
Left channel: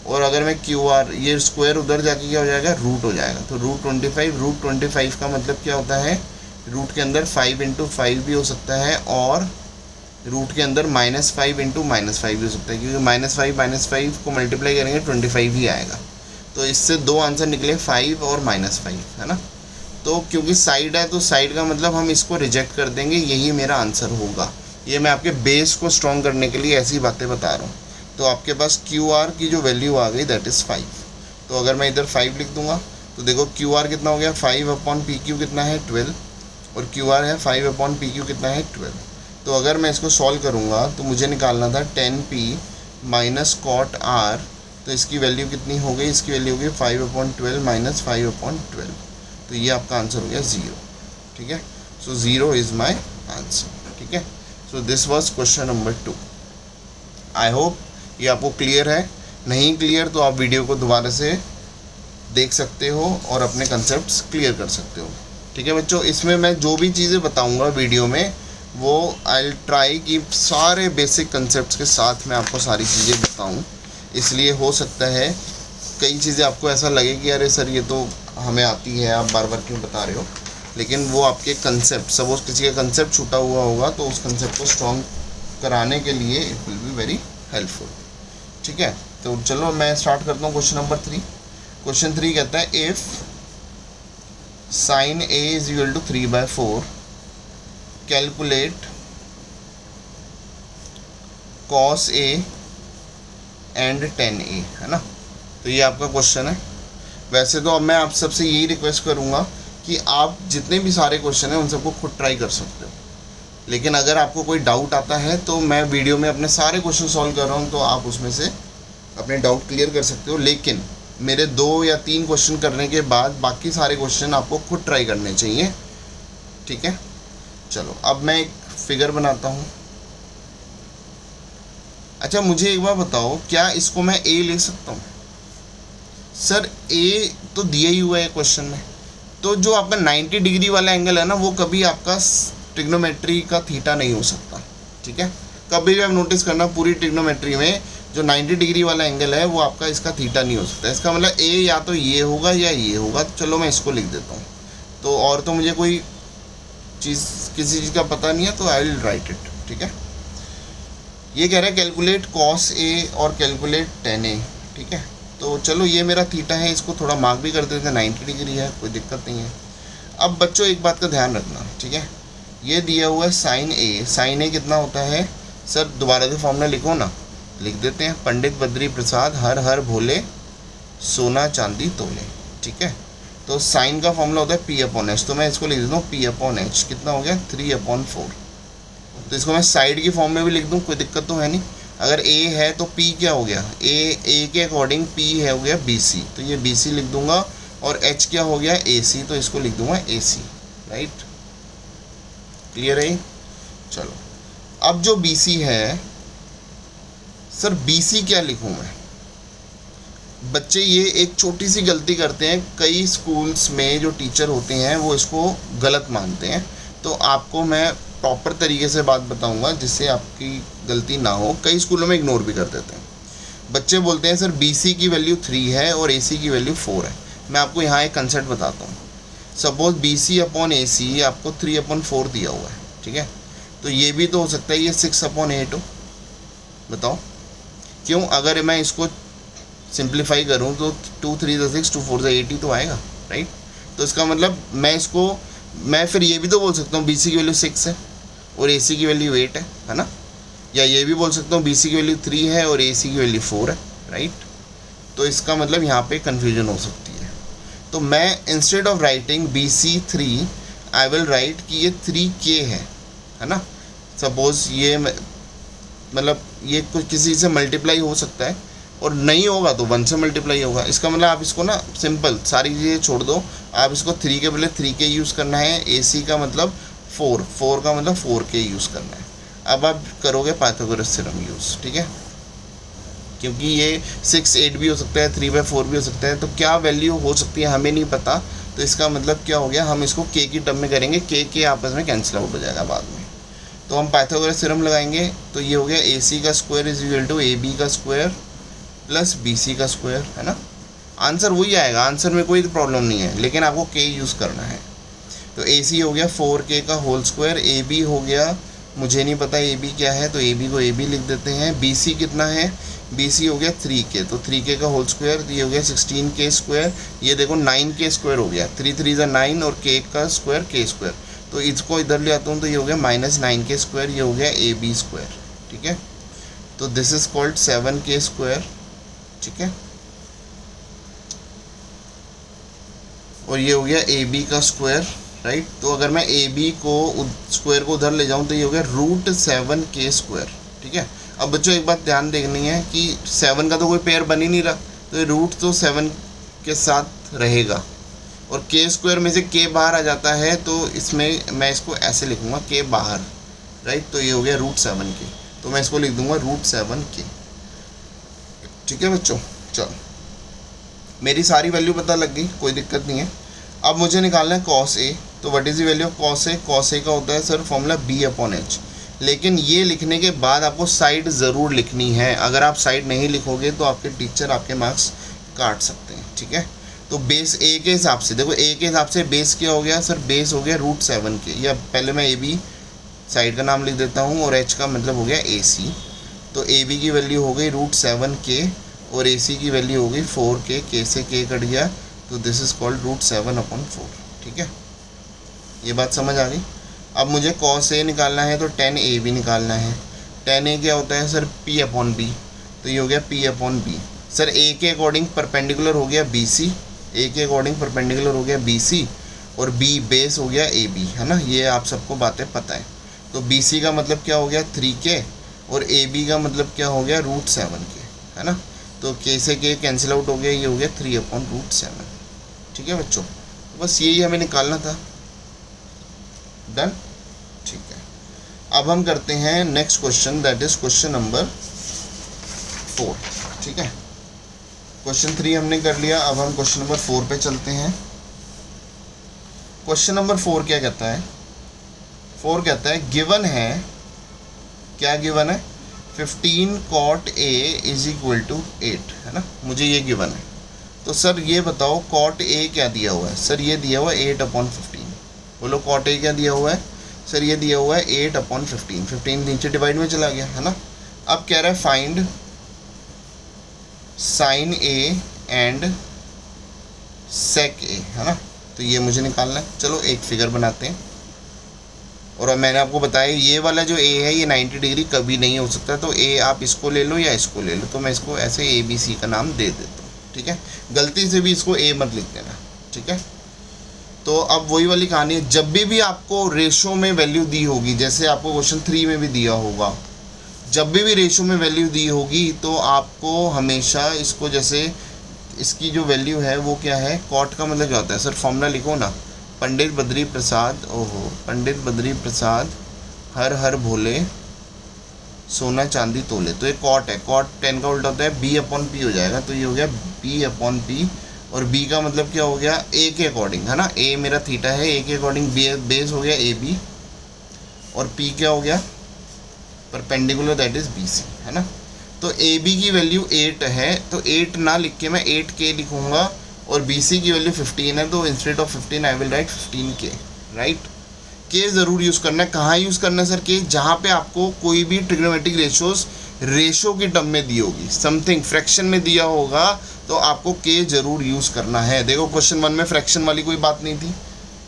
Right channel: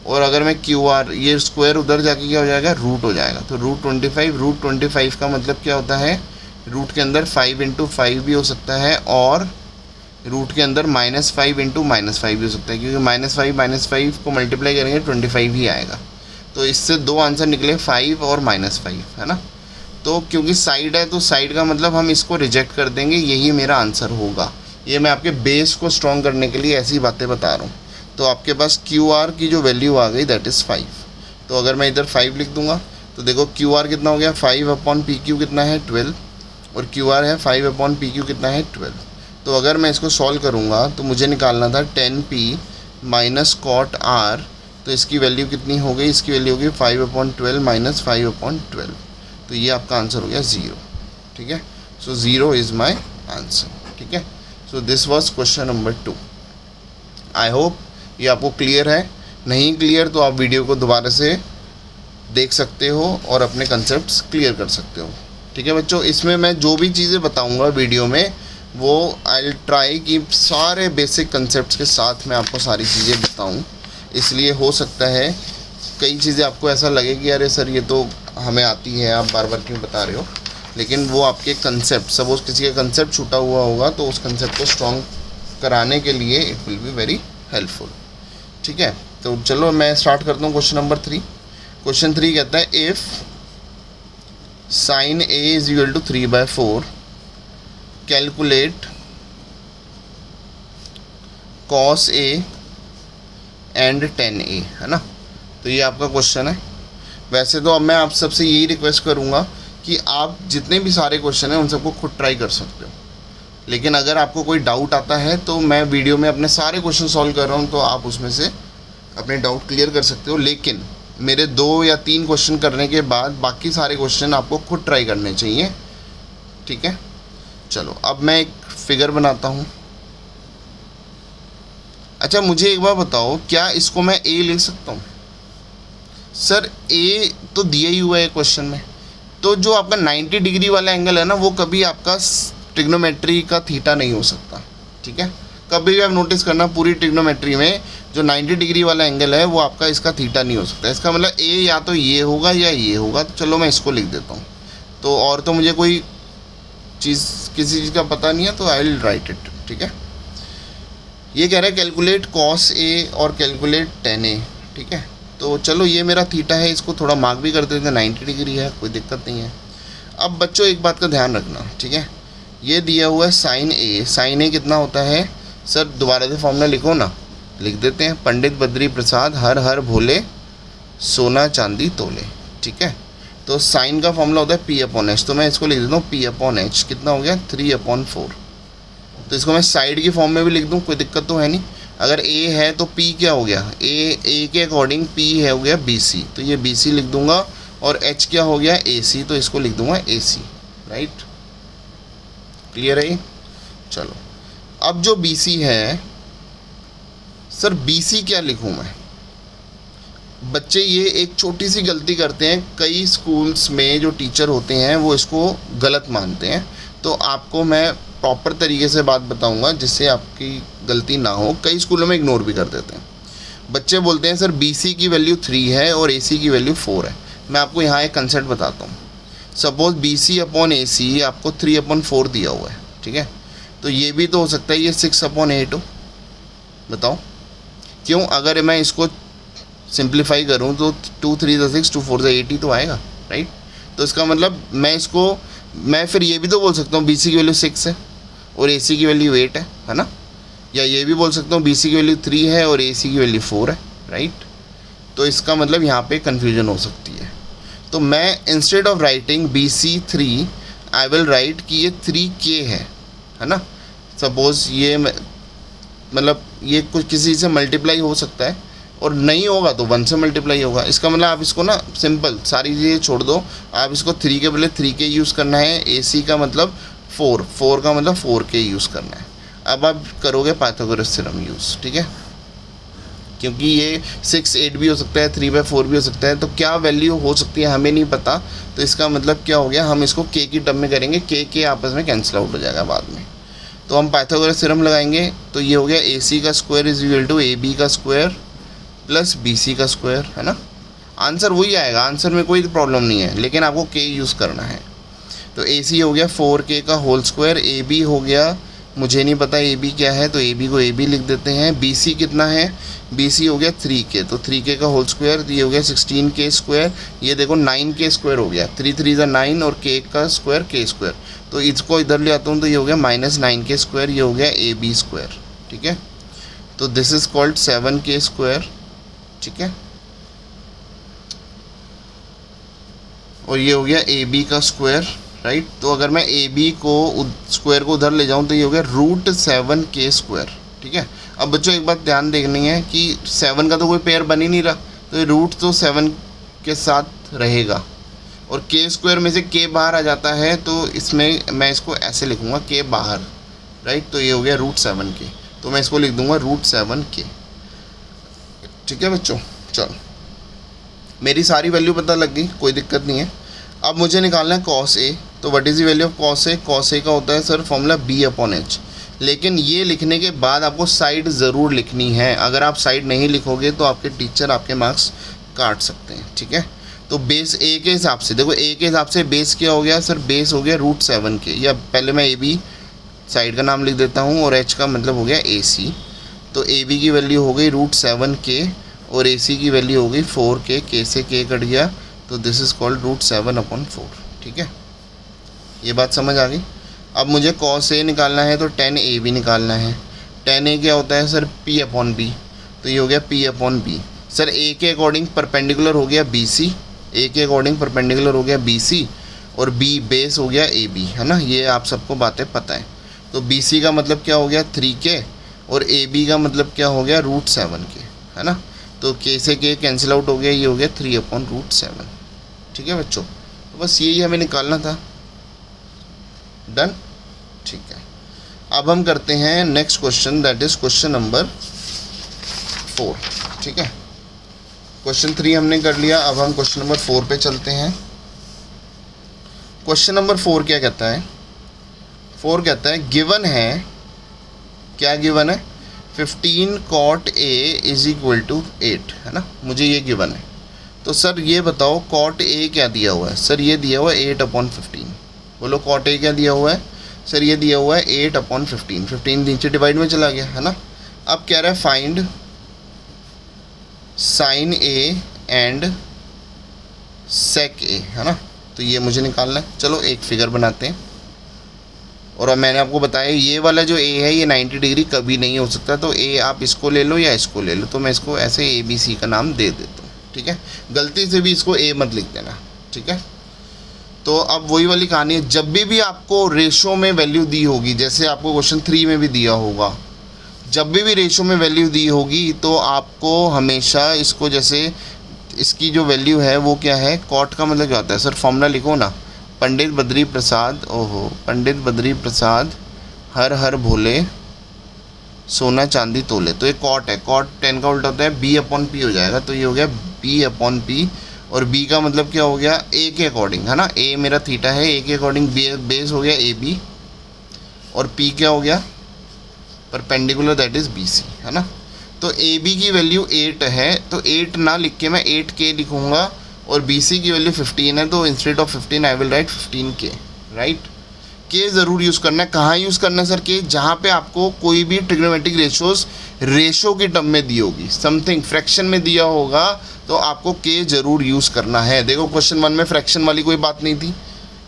और अगर मैं QR, ये स्क्वायर उधर जाके क्या हो जाएगा? रूट हो जाएगा, तो √25, √25 का मतलब क्या होता है? रूट के अंदर 5 × 5 भी हो सकता है, और रूट के अंदर -5 × -5 भी हो सकता है, क्योंकि -5 को मल्टीप्लाई करेंगे 25 ही आएगा। तो इससे दो आंसर निकले, 5 और -5, है ना। तो क्योंकि साइड है, तो साइड का मतलब हम इसको रिजेक्ट कर देंगे, यही मेरा आंसर होगा। ये मैं आपके बेस को स्ट्रॉन्ग करने के लिए ऐसी बातें बता रहा हूँ। तो आपके पास QR की जो वैल्यू आ गई दैट इज़ 5। तो अगर मैं इधर 5 लिख दूंगा तो देखो QR कितना हो गया? 5/PQ कितना है? 12, और QR है 5/PQ कितना है? 12। तो अगर मैं इसको सॉल्व करूँगा तो मुझे निकालना था 10p माइनस कॉट R, तो इसकी वैल्यू कितनी हो गई? इसकी वैल्यू हो गई 5/12 माइनस 5/12, तो ये आपका आंसर हो गया 0, ठीक है। सो 0 इज़ माई आंसर, ठीक है। So this was question number 2। I hope ये आपको क्लियर है। नहीं क्लियर तो आप वीडियो को दोबारा से देख सकते हो और अपने कंसेप्ट्स क्लियर कर सकते हो, ठीक है बच्चों। इसमें मैं जो भी चीज़ें बताऊंगा वीडियो में, वो आई विल ट्राई कि सारे बेसिक कंसेप्ट्स के साथ मैं आपको सारी चीज़ें बताऊं। इसलिए हो सकता है कई चीज़ें आपको ऐसा लगे कि अरे सर ये तो हमें आती है, आप बार बार क्यों बता रहे हो, लेकिन वो आपके कंसेप्ट, सपोज किसी का कंसेप्ट छूटा हुआ होगा तो उस कंसेप्ट को स्ट्रॉन्ग कराने के लिए it will be very helpful, ठीक है। तो चलो मैं स्टार्ट करता हूँ क्वेश्चन नंबर 3। क्वेश्चन 3 कहता है if sin A is equal to 3/4, calculate cos A and tan A, है ना। तो ये आपका क्वेश्चन है। वैसे तो अब मैं आप सबसे यही रिक्वेस्ट करूँगा कि आप जितने भी सारे क्वेश्चन हैं उन सबको खुद ट्राई कर सकते हो, लेकिन अगर आपको कोई डाउट आता है तो मैं वीडियो में अपने सारे क्वेश्चन सॉल्व कर रहा हूँ, तो आप उसमें से अपने डाउट क्लियर कर सकते हो। लेकिन मेरे 2 या 3 क्वेश्चन करने के बाद बाकी सारे क्वेश्चन आपको खुद ट्राई करने चाहिए, ठीक है। चलो अब मैं एक फिगर बनाता हूँ। अच्छा मुझे एक बार बताओ, क्या इसको मैं A लिख सकता हूँ? सर A तो दिया ही हुआ है क्वेश्चन में, तो जो आपका 90 डिग्री वाला एंगल है ना, वो कभी आपका ट्रिग्नोमेट्री का थीटा नहीं हो सकता, ठीक है। कभी भी आप नोटिस करना, पूरी ट्रिग्नोमेट्री में जो 90 डिग्री वाला एंगल है वो आपका इसका थीटा नहीं हो सकता। इसका मतलब A या तो ये होगा या ये होगा। तो चलो मैं इसको लिख देता हूँ। तो और तो मुझे कोई चीज़, किसी चीज़ का पता नहीं है, तो आई विल राइट इट, ठीक है। ये कह रहा है कैलकुलेट कॉस ए और कैलकुलेट टेन ए, ठीक है। तो चलो ये मेरा थीटा है, इसको थोड़ा मार्क भी कर देंगे, 90 डिग्री है, कोई दिक्कत नहीं है। अब बच्चों एक बात का ध्यान रखना, ठीक है, ये दिया हुआ है साइन ए, साइन ए कितना होता है सर, दोबारा से फॉर्मूला लिखो ना, लिख देते हैं, पंडित बद्री प्रसाद हर हर भोले सोना चांदी तोले, ठीक है। तो साइन का फॉर्मूला होता है पी अपॉन एच, तो मैं इसको लिख देता हूँ पी अपॉन एच, कितना हो गया 3/4। तो इसको मैं साइड की फॉर्म में भी लिख दूँ, कोई दिक्कत तो है नहीं। अगर ए है तो पी क्या हो गया, ए के अकॉर्डिंग पी है हो गया बी सी, तो ये बी सी लिख दूंगा, और एच क्या हो गया ए सी, तो इसको लिख दूंगा ए सी, राइट, क्लियर है। चलो अब जो बी सी है सर, बी सी क्या लिखूँ मैं, बच्चे ये एक छोटी सी गलती करते हैं, कई स्कूल्स में जो टीचर होते हैं वो इसको गलत मानते हैं, तो आपको मैं प्रॉपर तरीके से बात बताऊंगा जिससे आपकी गलती ना हो। कई स्कूलों में इग्नोर भी कर देते हैं, बच्चे बोलते हैं सर BC की वैल्यू 3 है और AC की वैल्यू 4 है। मैं आपको यहाँ एक कंसेप्ट बताता हूँ, सपोज BC अपॉन AC आपको 3/4 दिया हुआ है, ठीक है, तो ये भी तो हो सकता है ये 6/8 हो, बताओ क्यों। अगर मैं इसको सिंप्लीफाई करूँ तो 2 3 6 2 4 8 ही तो आएगा, राइट। तो इसका मतलब मैं फिर ये भी तो बोल सकता हूँ BC की वैल्यू 6 है और AC की वैल्यू 8 है ना, या ये भी बोल सकता हूँ BC की वैल्यू 3 है और AC की वैल्यू 4 है, राइट। तो इसका मतलब यहाँ पे कन्फ्यूजन हो सकती है, तो मैं instead of writing BC 3 I will write कि ये 3K है ना। सपोज ये मतलब ये कुछ किसी से मल्टीप्लाई हो सकता है और नहीं होगा तो 1 से मल्टीप्लाई होगा। इसका मतलब आप इसको ना सिंपल सारी चीज़ें छोड़ दो, आप इसको 3 के बदले 3K यूज़ करना है, AC का मतलब 4 का मतलब 4K यूज़ करना है। अब आप करोगे पाइथागोरस थ्योरम यूज़, ठीक है, क्योंकि ये 6 8 भी हो सकता है, 3/4 भी हो सकता है, तो क्या वैल्यू हो सकती है हमें नहीं पता। तो इसका मतलब क्या हो गया, हम इसको K की टर्म में करेंगे, K आपस में कैंसिल आउट हो जाएगा बाद में। तो हम पाइथागोरस थ्योरम लगाएंगे, तो ये हो गया AC का square is equal to AB का स्क्वायर प्लस BC का स्क्वायर, है ना। आंसर वही आएगा, आंसर में कोई प्रॉब्लम नहीं है, लेकिन आपको K यूज़ करना है। तो AC हो गया 4K का होल स्क्वायर, AB हो गया, मुझे नहीं पता AB क्या है, तो AB को AB लिख देते हैं। BC कितना है, BC हो गया 3K, तो 3K का होल स्क्वायर, ये हो गया 16K स्क्वायर, ये देखो 9K स्क्वायर हो गया, 3 3 9 और K का स्क्वायर K स्क्वायर, तो इसको इधर ले आता हूँ तो ये हो गया -9K स्क्वायर, ये हो गया AB स्क्वायर, ठीक है। तो this is called 7K square, ठीक है, और ये हो गया AB का स्क्वायर, राइट। तो अगर मैं AB को स्क्वायर को उधर ले जाऊं तो ये हो गया √7K स्क्वायर, ठीक है। अब बच्चों एक बात ध्यान देखनी है कि 7 का तो कोई पेयर बन ही नहीं रहा, तो ये रूट तो 7 के साथ रहेगा, और K स्क्वायर में से K बाहर आ जाता है, तो इसमें मैं इसको ऐसे लिखूंगा K बाहर, राइट। तो ये हो गया √7K, तो मैं इसको लिख दूंगा √7K, ठीक है बच्चों। चलो मेरी सारी वैल्यू पता लग गई, कोई दिक्कत नहीं है। अब मुझे निकालना है कॉस ए, तो what is the value of cos A. Cos A का होता है सर फॉर्मूला B/H, लेकिन ये लिखने के बाद आपको साइड ज़रूर लिखनी है, अगर आप साइड नहीं लिखोगे तो आपके टीचर आपके मार्क्स काट सकते हैं, ठीक है। तो बेस ए के हिसाब से देखो, ए के हिसाब से बेस क्या हो गया सर, बेस हो गया √7K, या पहले मैं AB साइड का नाम लिख देता हूँ और H का मतलब हो गया AC। तो AB की वैल्यू हो गई √7K और AC की वैल्यू हो गई 4K, K से K कट गया, तो दिस इज़ कॉल्ड √7/4, ठीक है, ये बात समझ आ गई। अब मुझे cos A निकालना है तो tan A भी निकालना है। tan A क्या होता है सर, P/B, तो ये हो गया P/B। सर A के अकॉर्डिंग परपेंडिकुलर हो गया BC, A के अकॉर्डिंग परपेंडिकुलर हो गया BC, और B बेस हो गया AB, है ना, ये आप सबको बातें पता है। तो BC का मतलब क्या हो गया 3K और AB का मतलब क्या हो गया √7K, है ना। तो K से K कैंसिल आउट हो गया, ये हो गया 3/√7, ठीक है बच्चों। बस यही हमें निकालना था, डन, ठीक है। अब हम करते हैं next question, that is question number 4, ठीक है। क्वेश्चन 3 हमने कर लिया, अब हम क्वेश्चन नंबर 4 पे चलते हैं। क्वेश्चन नंबर 4 क्या कहता है, 4 कहता है गिवन है, क्या गिवन है, 15 cot A is equal to 8, है ना, मुझे ये गिवन है। तो सर ये बताओ cot A क्या दिया हुआ है, सर ये दिया हुआ है 8/15, बोलो cot A क्या दिया हुआ है, सर ये दिया हुआ है 8/15, 15 नीचे डिवाइड में चला गया, है ना, अब कह रहा है फाइंड साइन ए एंड सेक ए, है ना। तो ये मुझे निकालना है। चलो एक फिगर बनाते हैं। और अब मैंने आपको बताया ये वाला जो ए है ये 90 डिग्री कभी नहीं हो सकता, तो ए आप इसको ले लो या इसको ले लो। तो मैं इसको ऐसे ए बी सी का नाम दे देता हूँ, ठीक है। गलती से भी इसको ए मत लिख देना, ठीक है। तो अब वही वाली कहानी है, जब भी आपको रेशो में वैल्यू दी होगी, जैसे आपको क्वेश्चन 3 में भी दिया होगा, जब भी रेशो में वैल्यू दी होगी तो आपको हमेशा इसको, जैसे इसकी जो वैल्यू है वो क्या है, कॉट का मतलब क्या होता है सर, फॉर्मूला लिखो ना। पंडित बद्री प्रसाद, ओहो, पंडित बद्री प्रसाद हर हर भोले सोना चांदी तोले। तो ये कॉट है, कॉट 10 का उल्टा होता है बी अपॉन पी हो जाएगा। तो ये हो गया बी अपॉन पी, और बी का मतलब क्या हो गया, ए के अकॉर्डिंग, है ना। ए मेरा थीटा है, ए के अकॉर्डिंग बेस हो गया ए बी, और पी क्या हो गया, perpendicular, that is B C, है ना। तो ए बी की वैल्यू 8 है, तो 8 ना लिख के मैं 8K लिखूँगा, और बी सी की वैल्यू 15 है, तो instead of 15 I will write 15K, right. के ज़रूर यूज़ करना है। कहाँ यूज़ करना है सर के, जहाँ पे आपको कोई भी ट्रिग्नोमेट्रिक रेशोज़ रेशो की टर्म में दी होगी, समथिंग फ्रैक्शन में दिया होगा, तो आपको के ज़रूर यूज़ करना है। देखो क्वेश्चन 1 में फ्रैक्शन वाली कोई बात नहीं थी,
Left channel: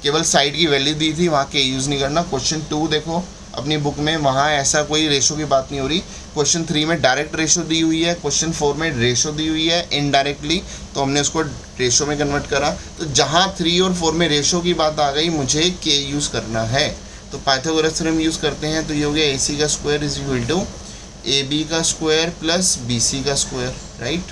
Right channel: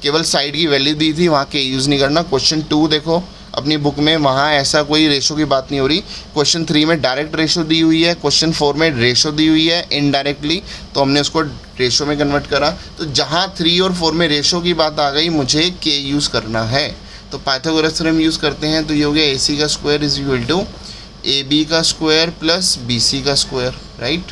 केवल साइड की वैल्यू दी थी, वहाँ के यूज़ नहीं करना। क्वेश्चन 2 देखो अपनी बुक में, वहाँ ऐसा कोई रेशो की बात नहीं हो रही। क्वेश्चन 3 में डायरेक्ट रेशो दी हुई है, क्वेश्चन 4 में रेशो दी हुई है इनडायरेक्टली, तो हमने उसको रेशो में कन्वर्ट करा। तो जहाँ 3 और 4 में रेशो की बात आ गई, मुझे के यूज़ करना है। तो पाइथागोरस थ्योरम यूज़ करते हैं। तो ये हो गया ए सी का square is equal to A B का स्क्वायर प्लस बी सी का स्क्वायर, राइट।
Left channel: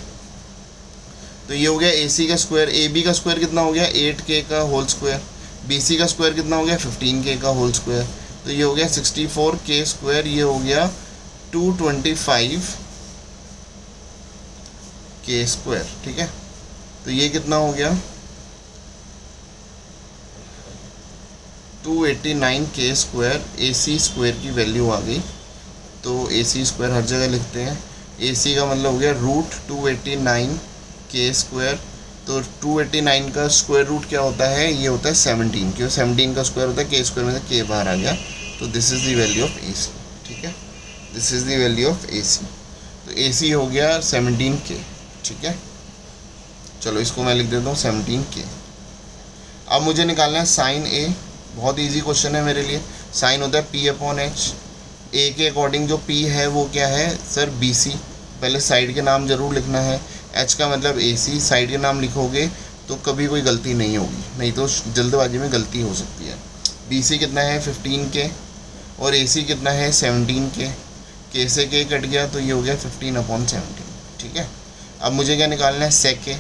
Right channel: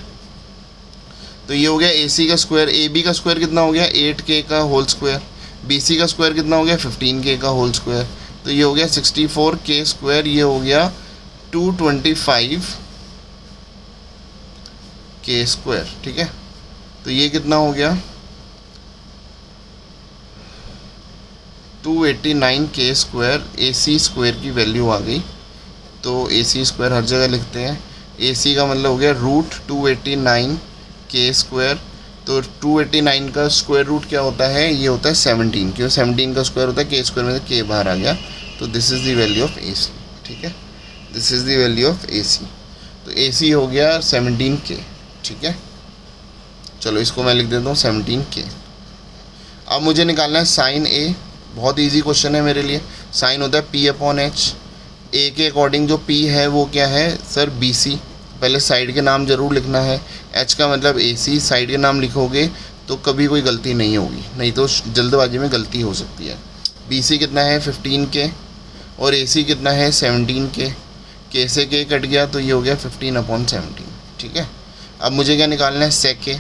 तो ये हो गया ए सी का स्क्वायर, ए बी का स्क्वायर कितना हो गया 8K का होल स्क्वायर, बी सी का स्क्वायर कितना हो गया 15K का होल स्क्वायर। तो ये हो गया 64K स्क्वायर, ये हो गया 225K स्क्वायर, ठीक है। तो ये कितना हो गया 289K स्क्वायर, ए सी स्क्वायर की वैल्यू आ गई। तो ए सी स्क्वायर हर जगह लिखते हैं। ए सी का मतलब हो गया रूट 289K स्क्वायर। तो 289 का स्क्वायर रूट क्या होता है, ये होता है 17, क्यों 17 का स्क्वायर होता है के स्क्वायर में से के बाहर आ गया। तो this is the value of A C, ठीक है, this is the value of A C. तो ए सी हो गया 17K, ठीक है। चलो इसको मैं लिख देता हूँ 17K। अब मुझे निकालना है साइन ए, बहुत इजी क्वेश्चन है मेरे लिए। साइन होता है P अपॉन एच, ए के अकॉर्डिंग जो P है वो क्या है सर बी सी। पहले साइड के नाम ज़रूर लिखना है, एच का मतलब ए सी, साइड के नाम लिखोगे तो कभी कोई गलती नहीं होगी, नहीं तो जल्दबाजी में गलती हो सकती है। बी सी कितना है 15K, और ए सी कितना है 17K, के से के कट गया, तो ये हो गया 15 अपॉन 17, ठीक है। अब मुझे क्या निकालना है सेक ए।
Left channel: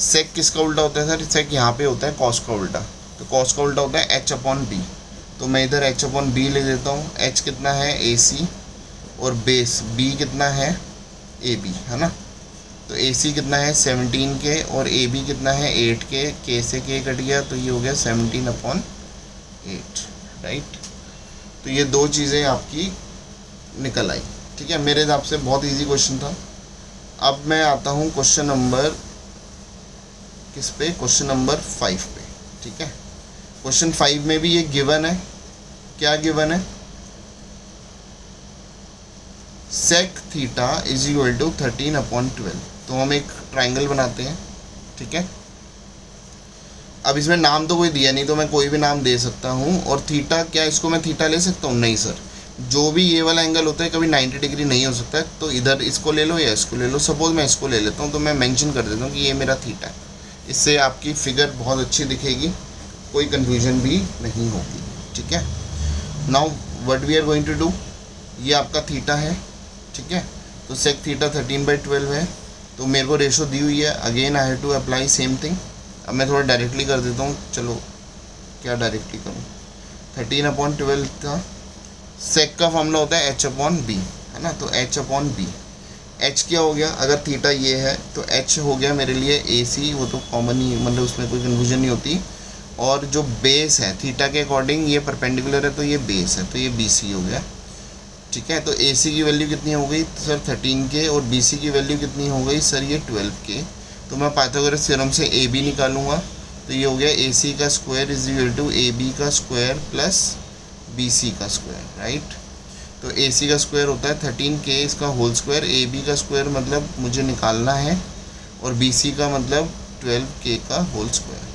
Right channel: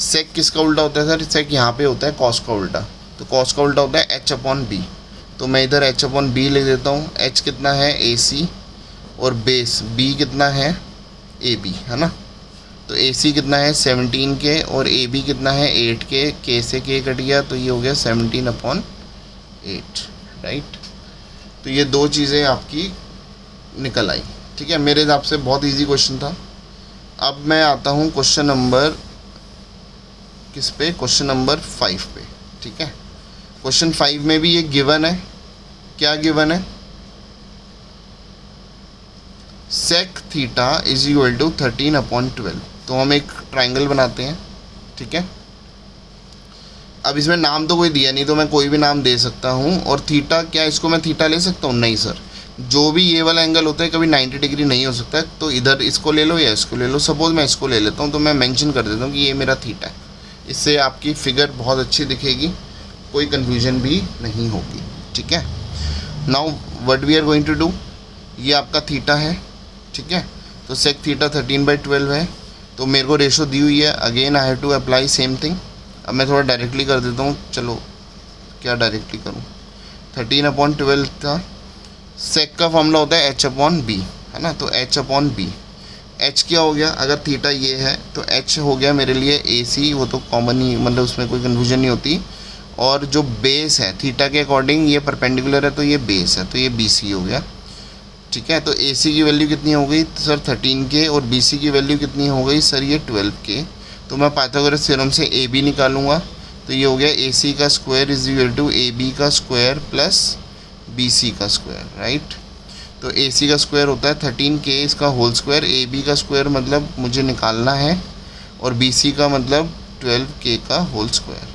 सेक किसका उल्टा होता है सर, सेक यहाँ पे होता है कॉस का उल्टा, तो कॉस का उल्टा होता है एच अपॉन बी। तो मैं इधर एच अपॉन बी लिख देता हूँ। एच कितना है ए सी, और बेस बी कितना है ए बी, है ना। तो ए सी कितना है 17K, और ए बी कितना है 8K, के से के कट गया, तो ये हो गया 17 अपॉन 8, राइट। तो ये दो चीज़ें आपकी निकल आई, ठीक है। मेरे हिसाब से बहुत इजी क्वेश्चन था। अब मैं आता हूँ क्वेश्चन नंबर किस पे, क्वेश्चन नंबर 5 पे, ठीक है। क्वेश्चन 5 में भी ये गिवन है, क्या गिवन है, sec theta is equal to 13 upon 12। तो हम एक ट्राइंगल बनाते हैं, ठीक है। अब इसमें नाम तो कोई दिया नहीं, तो मैं कोई भी नाम दे सकता हूँ। और थीटा क्या, इसको मैं थीटा ले सकता हूँ, नहीं सर। जो भी ये वाला एंगल होता है कभी 90 डिग्री नहीं हो सकता है, तो इधर इसको ले लो या इसको ले लो। सपोज मैं इसको ले लेता हूँ, तो मैं मेंशन कर देता हूँ कि ये मेरा थीटा है। इससे आपकी फिगर बहुत अच्छी दिखेगी, कोई कन्फ्यूजन भी नहीं होगी, ठीक है। Now what we are going to do, ये आपका थीटा है, ठीक है। तो सेक थीटा 13/12 है। तो मेरे को रेशो दी हुई है, again I have to apply same thing. अब मैं थोड़ा डायरेक्टली कर देता हूँ, चलो क्या डायरेक्टली करूँ, 13 अपॉन 12 था। सेक का फॉर्मूला होता है एच अपॉन बी, है ना। तो एच अपॉन बी, एच क्या हो गया, अगर थीटा ये है तो एच हो गया मेरे लिए ए सी, वो तो कॉमन ही, मतलब उसमें कोई कन्फ्यूजन नहीं होती। और जो बेस है थीटा के अकॉर्डिंग ये परपेंडिकुलर है, तो ये बेस है, तो ये बी सी हो गया, ठीक है। तो ए सी की वैल्यू कितनी हो गई तो सर 13K, और बी सी की वैल्यू कितनी हो गई सर ये 12K। तो मैं पाइथागोरस थ्योरम से ए बी निकालूंगा। तो ये हो गया ए सी का square is equal to A B का स्क्वायर प्लस बी सी का स्क्वायर, राइट। तो ए सी का स्क्वायर होता है 13k इसका होल स्क्वायर, ए बी का स्क्वायर मतलब मुझे निकालना है, और बी सी का मतलब 12k का होल स्क्वायर।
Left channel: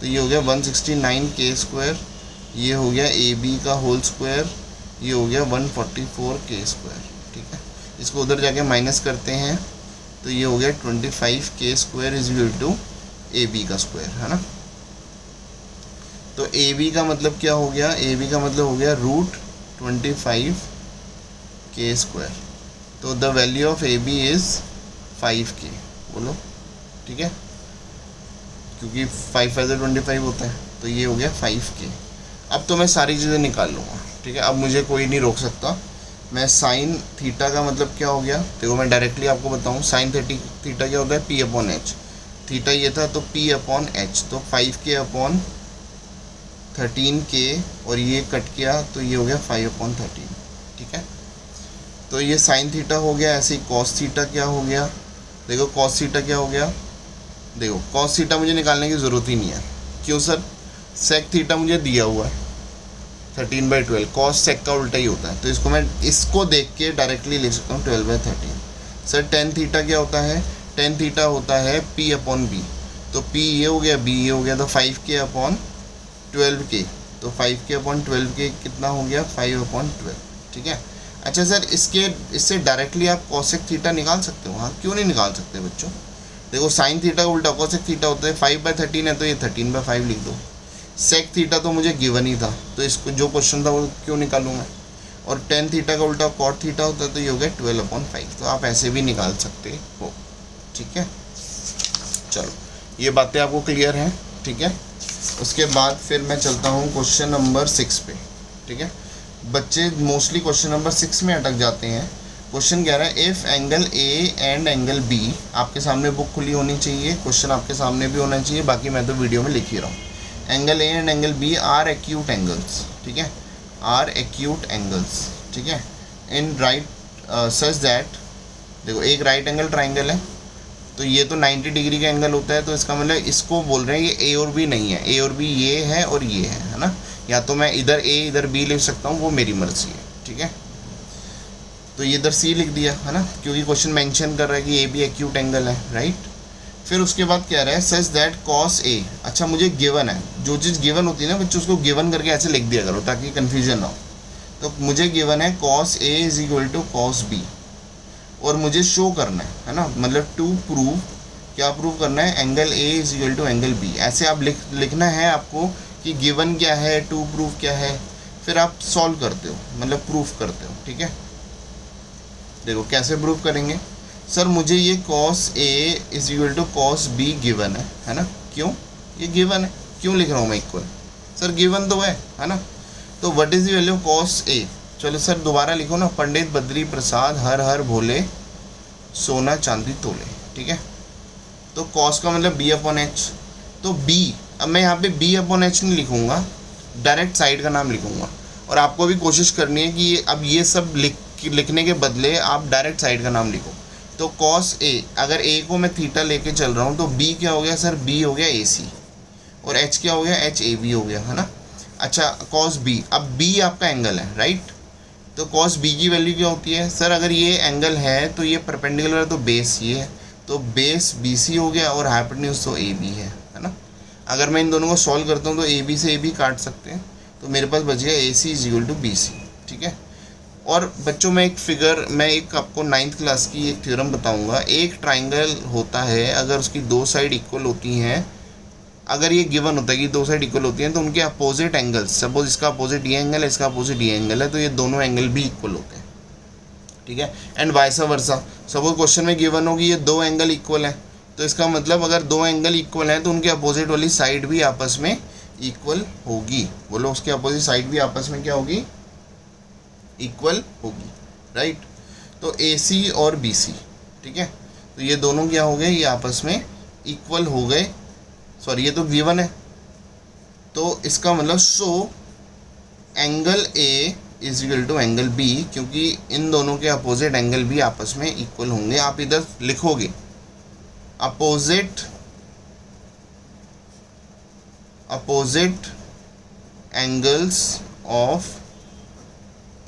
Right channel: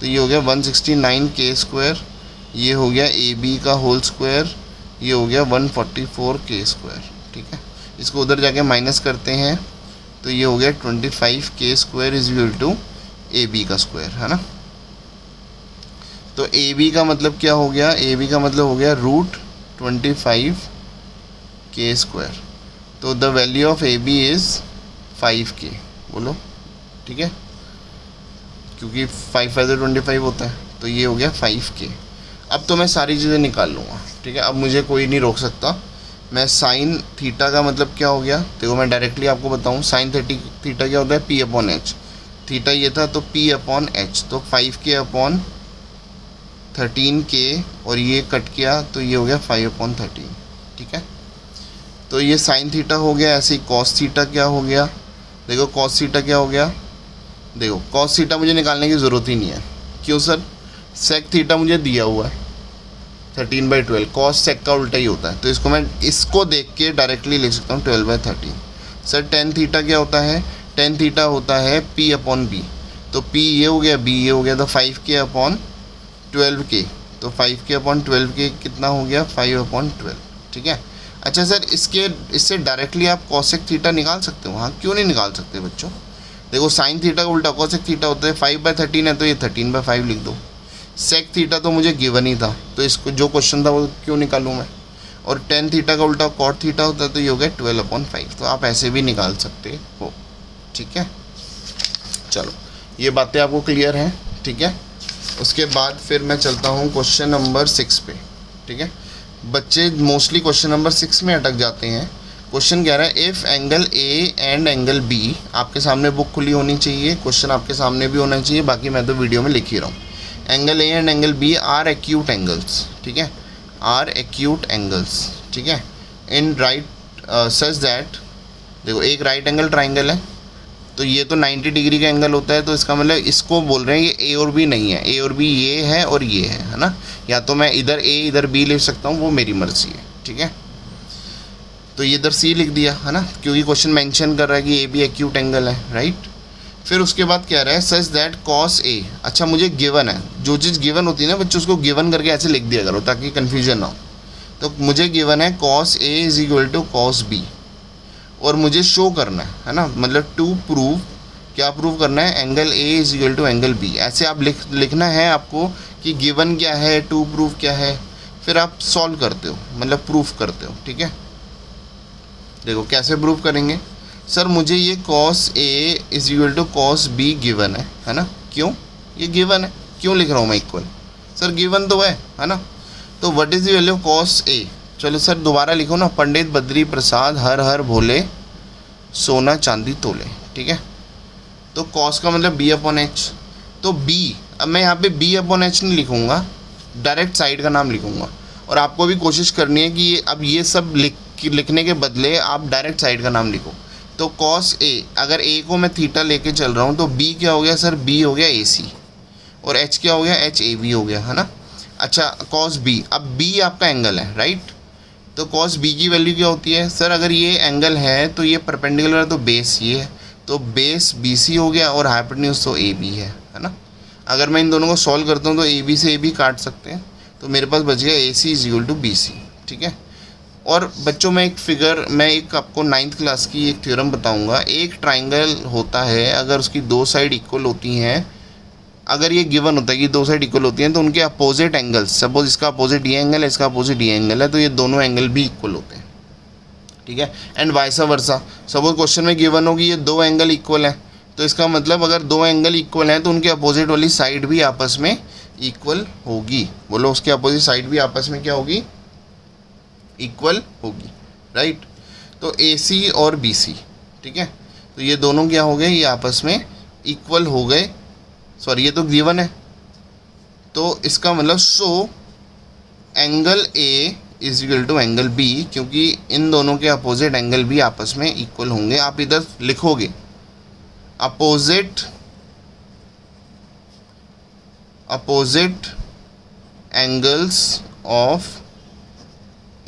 तो ये हो गया 169k स्क्वायर, ये हो गया ए बी का होल स्क्वायर, ये हो गया 144k स्क्वायर। ठीक है, इसको उधर जाके माइनस करते हैं तो ये हो गया 25k square is equal to A B का स्क्वायर, है ना। तो ए बी का मतलब क्या हो गया, ए बी का मतलब हो गया √25k स्क्वायर। तो the value of A B is 5k, बोलो। ठीक है, क्योंकि 5 5 25 होता है, तो ये हो गया 5k। अब तो मैं सारी चीज़ें निकाल लूँगा। ठीक है, अब मुझे कोई नहीं रोक सकता। मैं साइन थीटा का मतलब क्या हो गया, देखो मैं डायरेक्टली आपको बताऊँ। साइन थीटा क्या होता है, p अपॉन एच। थीटा ये था तो p अपॉन एच, तो 5k अपॉन 13k, और ये कट किया तो ये हो गया 5 अपॉन 13। ठीक है, तो ये साइन थीटा हो गया। ऐसे ही कॉस थीटा क्या हो गया, देखो कॉस थीटा क्या हो गया, देखो कॉस थीटा मुझे निकालने की ज़रूरत ही नहीं है। क्यों सर, सेक थीटा मुझे दिया हुआ है 13/12, कॉस सेक का उल्टा ही होता है, तो इसको मैं इसको देख के डायरेक्टली लिख सकता हूँ 12/13। सर टेन थीटा क्या होता है, टेन थीटा होता है p अपॉन बी, तो p ये हो गया, b ये हो गया, तो 5k अपॉन 12k, तो 5k अपॉन 12k कितना हो गया, 5 अपॉन 12। ठीक है, अच्छा सर इससे डायरेक्टली आप कॉसेक थीटा निकाल सकते हो। हाँ, क्यों नहीं निकाल सकते बच्चों, देखो साइन थीटा का उल्टा कॉसेक थीटा होता है, 5/13 है तो ये 13/5 लिख दो। सेक थीटा तो मुझे गिवन ही था, तो इसको जो क्वेश्चन था वो क्यों निकालूँ मैं। और टेन थीटा का उल्टा कॉट थीटा होता है, तो ये हो गया 12/5, तो आप ऐसे भी निकाल सकते हो। ठीक है, चलो ये बातें आपको क्लियर हैं। ठीक है, उसके बाद फिर मैं चलता हूँ क्वेश्चन नंबर 6 पे। ठीक है, बच्चे मोस्टली क्वेश्चन नंबर 6 में अटक जाते हैं। क्वेश्चन कह रहा है if angle A and angle B, आपके सामने बुक खुली होनी चाहिए, क्वेश्चन आपके सामने भी होना चाहिए, बाकी मैं तो वीडियो में लिख ही रहा हूँ। Angle A and angle B are acute angles. ठीक है, आर एक्यूट एंगल्स। ठीक है, इन राइट सच दैट, देखो एक राइट एंगल ट्राइंगल है, तो ये तो 90 डिग्री का एंगल होता है, तो इसका मतलब इसको बोल रहे हैं ये ए और बी नहीं है, ए और बी ये है और ये है ना। या तो मैं इधर ए इधर बी लिख सकता हूँ, वो मेरी मर्जी है। ठीक है, तो ये इधर सी लिख दिया है ना, क्योंकि क्वेश्चन मेंशन कर रहा है कि ए बी एक्यूट एंगल है, राइट। फिर उसके बाद क्या रहा है, सच दैट कॉस ए। अच्छा मुझे गिवन है, जो चीज़ गिवन होती है ना बच्चों, उसको गिवन करके ऐसे लिख दिया करो ताकि कन्फ्यूजन ना हो। तो मुझे गिवन है cos A is equal to cos B, और मुझे शो करना है ना, मतलब टू प्रूव, क्या प्रूव करना है, angle A is equal to angle B. ऐसे आप लिखना है आपको कि गिवन क्या है, टू प्रूव क्या है, फिर आप सॉल्व करते हो, मतलब प्रूफ करते हो। ठीक है, देखो कैसे प्रूफ करेंगे। सर मुझे ये cos A is equal to cos B given है ना। क्यों, ये गिवन है, क्यों लिख रहा हूँ मैं इक्वल, सर गिवन तो है ना। तो what is the value of cos A, चलो सर दोबारा लिखो ना, पंडित बद्री प्रसाद हर हर भोले सोना चांदी तोले। ठीक है, तो कॉस का मतलब बी अपॉन एच, तो बी, अब मैं यहाँ पे बी अपॉन एच नहीं लिखूँगा, डायरेक्ट साइड का नाम लिखूँगा। और आपको भी कोशिश करनी है कि अब ये सब लिखने के बदले आप डायरेक्ट साइड का नाम लिखो। तो कॉस ए, अगर ए को मैं थीटा लेके चल रहा हूँ तो बी क्या हो गया सर, बी हो गया ए सी, और एच क्या हो गया, एच ए बी हो गया, है ना। अच्छा कॉस बी, अब बी आपका एंगल है, राइट। तो कॉस बी की वैल्यू क्या होती है सर, अगर ये एंगल है तो ये परपेंडिकुलर है, तो बेस ये है, तो बेस बी सी हो गया, और हाइपोटेन्यूज तो ए बी है ना। अगर मैं इन दोनों को सॉल्व करता हूँ तो ए बी से ए बी काट सकते हैं, तो मेरे पास बच गया A C is equal to B C. ठीक है, और बच्चों मैं एक आपको 9th क्लास की एक थ्योरम बताऊंगा। एक ट्राइंगल होता है, अगर उसकी दो साइड इक्वल होती हैं, अगर ये गिवन होता है कि दो साइड इक्वल होती हैं, तो उनके अपोजिट एंगल्स, सपोज इसका अपोजिट ये एंगल है, इसका अपोजिट ये एंगल है, तो ये दोनों एंगल भी इक्वल होते हैं। ठीक है, and vice versa, suppose question में गिवन हो कि ये दो एंगल इक्वल हैं, तो इसका मतलब अगर दो एंगल इक्वल हैं तो उनके अपोजिट वाली साइड भी आपस में इक्वल होगी। बोलो उसके अपोजिट साइड भी आपस में क्या होगी, इक्वल होगी, राइट। तो ए सी और बी सी, ठीक है, तो ये दोनों क्या हो गए, ये आपस में इक्वल हो गए। सॉरी ये तो गिवन है, तो इसका मतलब so angle A is equal to angle B, क्योंकि इन दोनों के अपोजिट एंगल भी आपस में इक्वल होंगे। आप इधर लिखोगे opposite angles of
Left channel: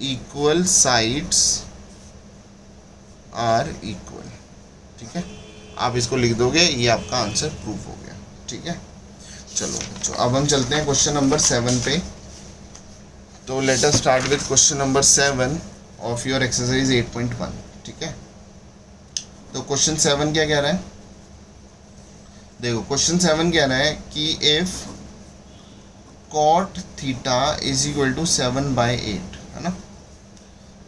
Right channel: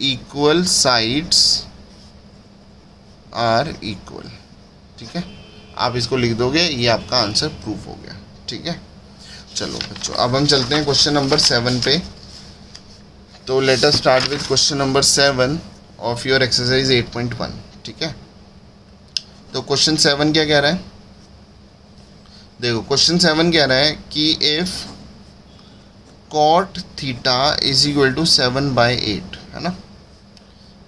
equal sides are equal. ठीक है, आप इसको लिख दोगे, ये आपका आंसर प्रूफ हो गया। ठीक है, चलो बच्चों अब हम चलते हैं क्वेश्चन नंबर 7 पे। तो let us start with question number 7 of your exercise 8.1। ठीक है, तो क्वेश्चन 7 क्या कह रहा है, देखो क्वेश्चन 7 कह रहा है कि if cot theta is equal to 7/8, है ना।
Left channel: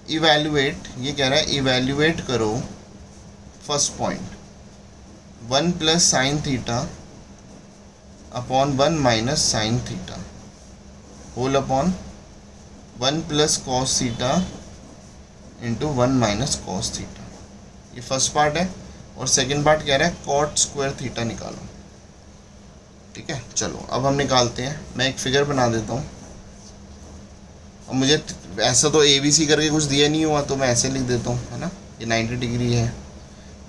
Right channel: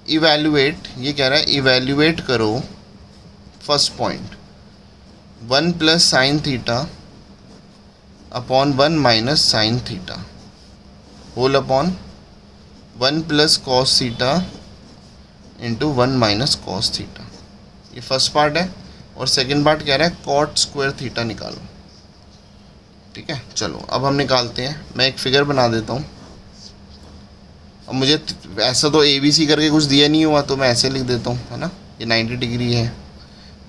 इवेल्युएट, ये कह रहा है इवेल्युएट करो first point 1 plus sine theta upon 1 minus sine theta whole upon 1 plus cos theta into 1 minus cos theta. ये फर्स्ट पार्ट है। और सेकंड पार्ट कह रहा है कॉट स्क्वायर थीटा निकालो। ठीक है, चलो अब हम निकालते हैं। मैं एक फिगर बना देता हूँ। अब मुझे ऐसा तो ABC करके कुछ दिया नहीं हुआ, तो मैं ऐसे लिख देता हूँ, है ना। ये 90 डिग्री है।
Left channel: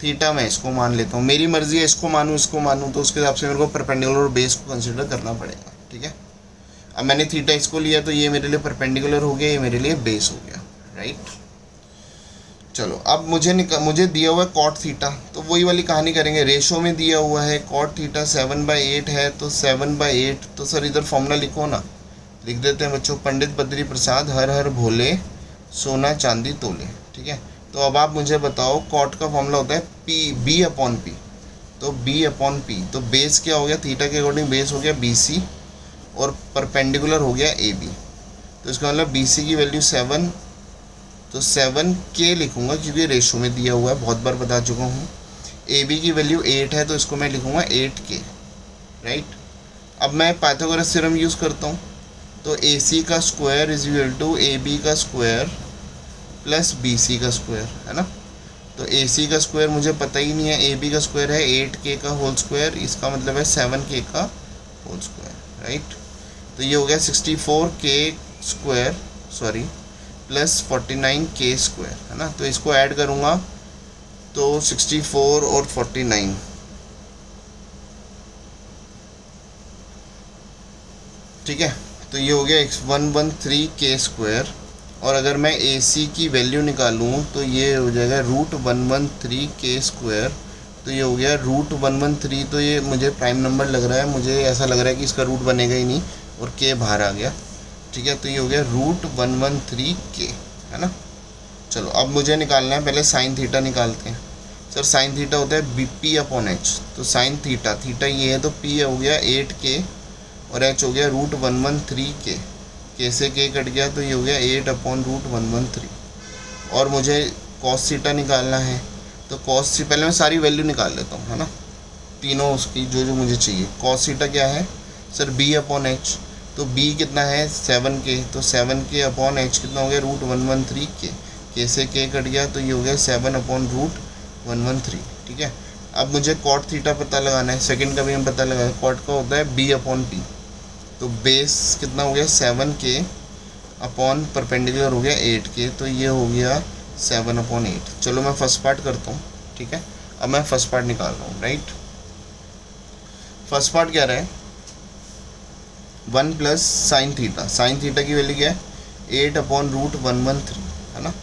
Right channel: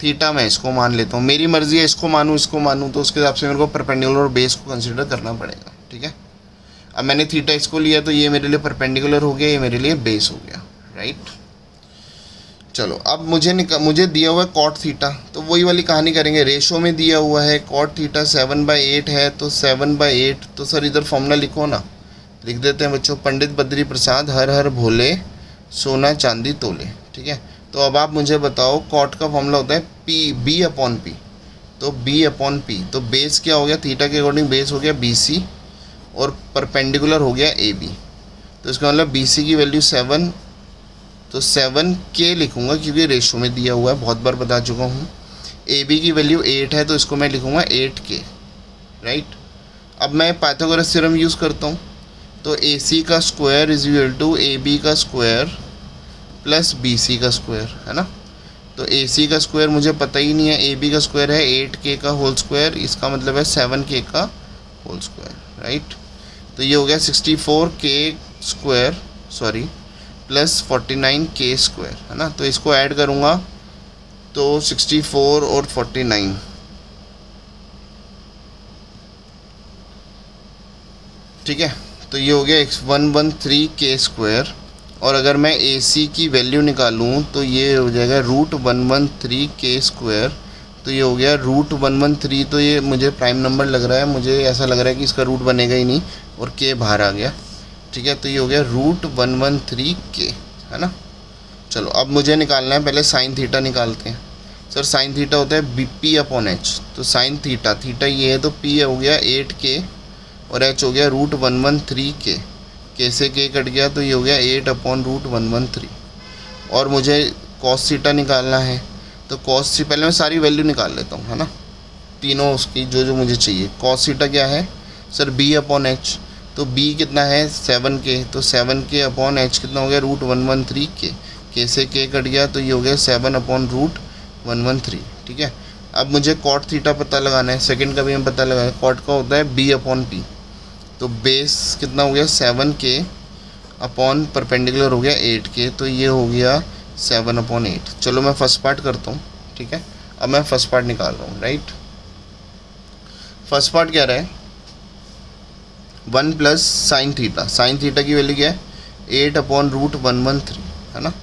थीटा मैं इसको मान लेता हूँ, मेरी मर्जी है इसको मानूँ इसको मानूँ, तो उसके हिसाब से मेरे को परपेंडिकुलर और बेस को कंसिडर करना पड़ेगा। ठीक है, अब मैंने थीटा इसको लिया तो ये मेरे लिए परपेंडिकुलर हो गया, ये मेरे लिए बेस हो गया। राइट, चलो अब मुझे दिया हुआ है कॉट थीटा, तो वही वाली कहानी करेंगे। रेशो में दिया हुआ है कॉट थीटा 7/8 है, तो 7/8, तो सर इधर फॉर्मूला लिखो ना। लिख देते हैं बच्चों, पंडित बद्री प्रसाद हर हर भोले सोना चांदी तोले। ठीक है, तो अब आप मुझे बताओ कॉट का फॉर्मूला होता है B/P, तो B/P, तो बेस क्या हो गया, थीटा के अकॉर्डिंग बेस हो गया BC और परपेंडिकुलर हो गया AB। तो इसका मतलब BC की वैल्यू 7, तो 7K लिखूंगा क्योंकि रेशो में दिया हुआ है, बहुत बार बता चुका हूँ। AB की वैल्यू 8 है, तो इसको मैं लिखूंगा 8K। राइट, अब मैं पाइथागोरस थ्योरम यूज़ करता हूँ, तो AC का square is equal to AB का स्क्वायर प्लस BC का स्क्वायर, है ना। तो AC का स्क्वायर मुझे पता ही नहीं है, AB का स्क्वायर है 8K का होल स्क्वायर, इसका मतलब है 7K का होल स्क्वायर। राइट, तो ये हो गया 64K square sorry plus 49K square, है ना। तो इसको ऐड करूँगा तो 64 और 49, ठीक है, तो ये हो गया 113K स्क्वायर। और अगर मैं AC की वैल्यू निकालूँ तो ये हो जाएगा √113K स्क्वायर। तो ये हो गया √113, तो ये मुझे प्राइम नंबर लग रहा है, मुझे ऐसा लग रहा है कि इसका रूट बनेगा ही नहीं, और K बाहर आ गया। ठीक है, तो ये हो गया √113K, है ना। चलो अब मुझे निकालना है, पहले साइन थीटा निकालते हैं। सर साइन थीटा होता है BP/H, तो साइन थीटा ये है, तो P हो गया 8K और H हो गया √113K। K से K कट गया, तो ये हो गया 8/√113। और मुझे कॉस थीटा निकालना है, तो कॉस से पहले मैं सारी वैल्यू निकाल लेता हूँ, है ना, तीनों उसकी जो मुझे चाहिए। कॉस थीटा क्या है सर B/H, तो B कितना है 7K, तो 7K/H कितना हो गया √113K। K से K कट गया, तो ये हो गया 7/√113। ठीक है, अब मुझे कॉट थीटा पता लगाना है, सेकंड का भी हम पता लगाना है। कॉट का होता है B/P, तो बेस कितना हो गया 7K अपॉन परपेंडिकुलर हो गया 8K, तो ये हो गया 7/8। चलो मैं फर्स्ट पार्ट करता हूँ। ठीक है, अब मैं फर्स्ट पार्ट निकाल रहा हूँ। राइट, फर्स्ट पार्ट क्या रहा है 1 प्लस साइन थीटा की वैल्यू क्या है 8/√113, है ना।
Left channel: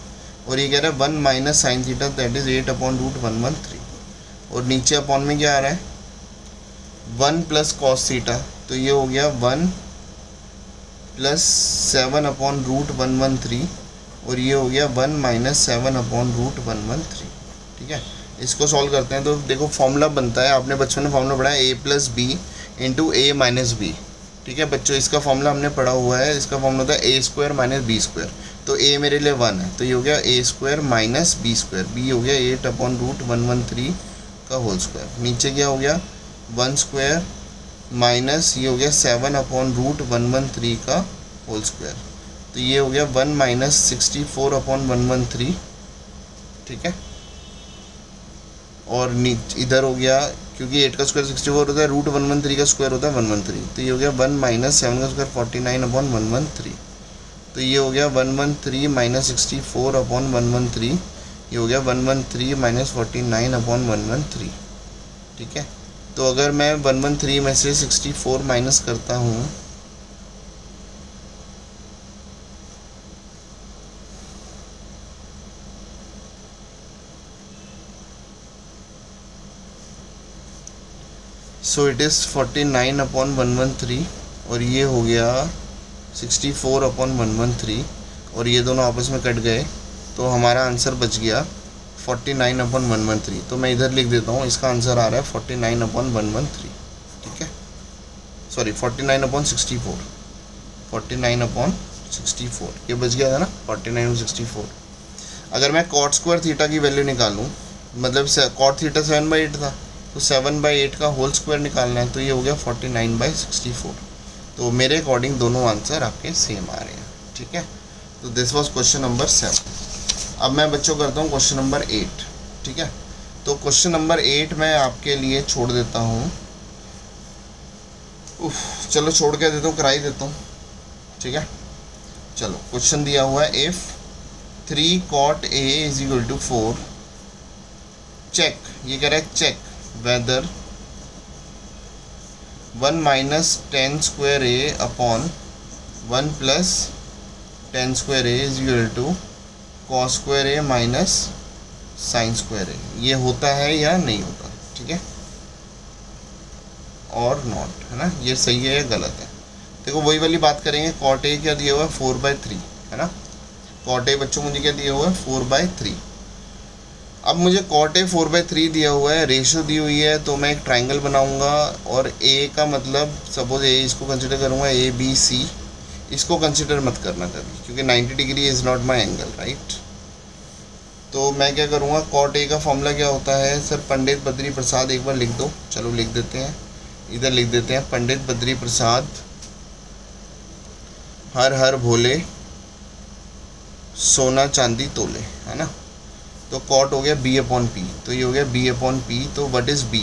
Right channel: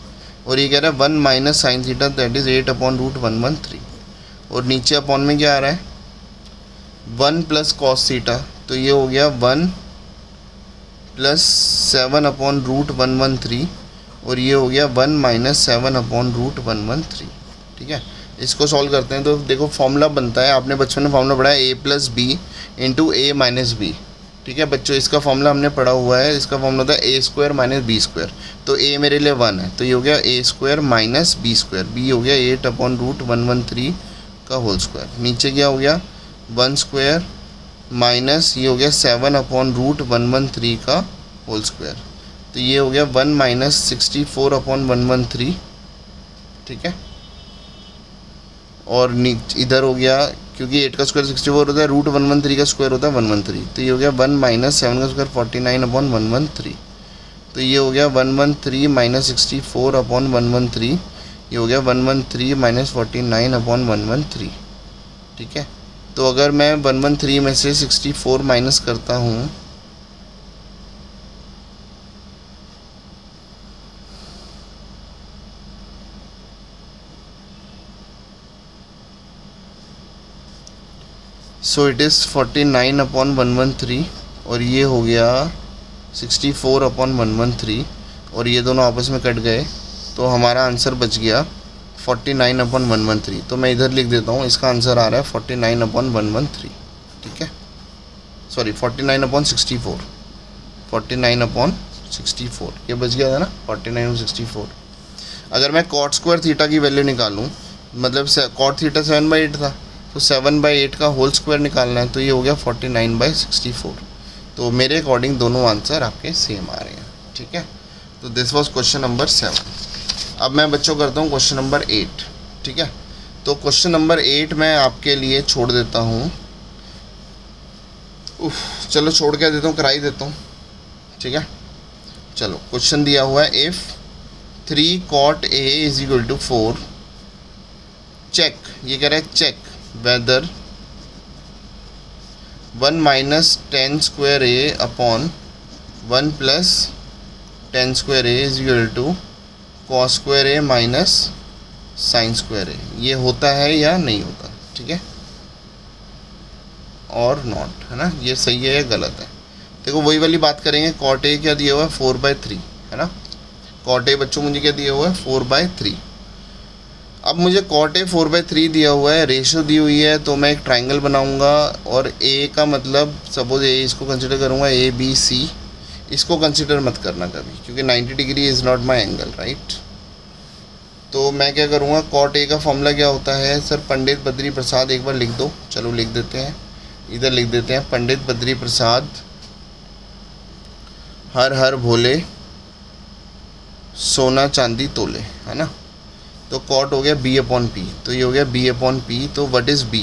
और ये कह रहा है 1 minus sine theta, that is 8/√113। और नीचे अपॉन में क्या आ रहा है 1 प्लस कॉस थीटा, तो ये हो गया 1 प्लस 7/√113, और ये हो गया 1 माइनस 7/√113। ठीक है, इसको सॉल्व करते हैं, तो देखो फॉर्मूला बनता है, आपने बचपन में फॉर्मूला पढ़ा है A+B इंटू A-B। ठीक है बच्चों, इसका फॉर्मूला हमने पढ़ा हुआ है, इसका फॉर्मूला होता है A² माइनस B²। तो A मेरे लिए 1 है, तो ये हो गया A² माइनस B²। B हो गया 8/√113 का होल स्क्वायर। नीचे क्या हो गया 1² माइनस ये हो गया 7/√113 का होल स्क्वायर, तो ये हो गया 1 माइनस 64/113। ठीक है, और इधर हो गया, क्योंकि 8 का स्क्वायर 64 होता है, √113 का स्क्वायर होता है 113, तो ये हो गया 1 माइनस 7 का स्क्वायर 49/113। तो ये हो गया 113 माइनस 64/113, ये हो गया 113 माइनस 49/113। ठीक है, तो अगर मैं 113 में से 64 माइनस करता हूँ, सो इट इज़ 49/113 और ये हो गया 64/113 और ये दोनों आपस में कट गए, तो हमारा आंसर बच गया 49/113। तो मैं इधर लिख देता हूँ, इसका आंसर आ रहा है 49/113, ठीक है, सॉरी 49/64, 49/64 ये बच गया था ना, 49/64। अगर मैं कॉट स्क्वायर थीटा की वैल्यू निकालूँ, मतलब कॉट थीटा 7/8 था, तो 7/8 का होल स्क्वायर निकालना है, तो ये हो गया 49/64। तो मेरे अकॉर्डिंग दोनों आंसर आपके सेम आ रहे हैं, ठीक है। तो दिस वाज क्वेश्चन नंबर 7। अब मैं बच्चों करता हूँ क्वेश्चन नंबर 8, ठीक है। तो क्वेश्चन नंबर 8 मैं आपके लिए छोड़ देता हूँ, चलो छोड़ के देता हूँ, करा ही देता हूँ, ठीक है। चलो क्वेश्चन दिया हुआ है, if 3 cot A is equal to 4, check, ये कह रहा है check whether 1 minus 10 square A upon 1 plus 10 square A is equal to cos square A minus sine square A, ये होता है या नहीं होता, ठीक है, और नॉट, है ना, ये सही है या गलत है। देखो वही वाली बात करेंगे, कॉट ए क्या दिया हुआ है 4/3, है ना, कॉट ए बच्चों मुझे क्या दिया हुआ है 4/3। अब मुझे कॉट ए 4/3 दिया हुआ है, रेशो दी हुई है, तो मैं एक ट्राइंगल बनाऊंगा और ए का मतलब सपोज ए इसको कंसिडर करूंगा ABC, इसको कंसिडर मत करना कभी, क्योंकि 90 degree is not my angle, right. तो मैं क्या करूँगा, कॉट ए का फॉर्मूला क्या होता है सर, पंडित बद्री प्रसाद, एक बार लिख दो, चलो लिख देते हैं, इधर लिख देते हैं, पंडित बद्री प्रसाद हर हर भोले सोना चांदी तोले, है ना। तो कॉट हो गया B/P, तो ये हो गया B/P। तो व्हाट इज़ B,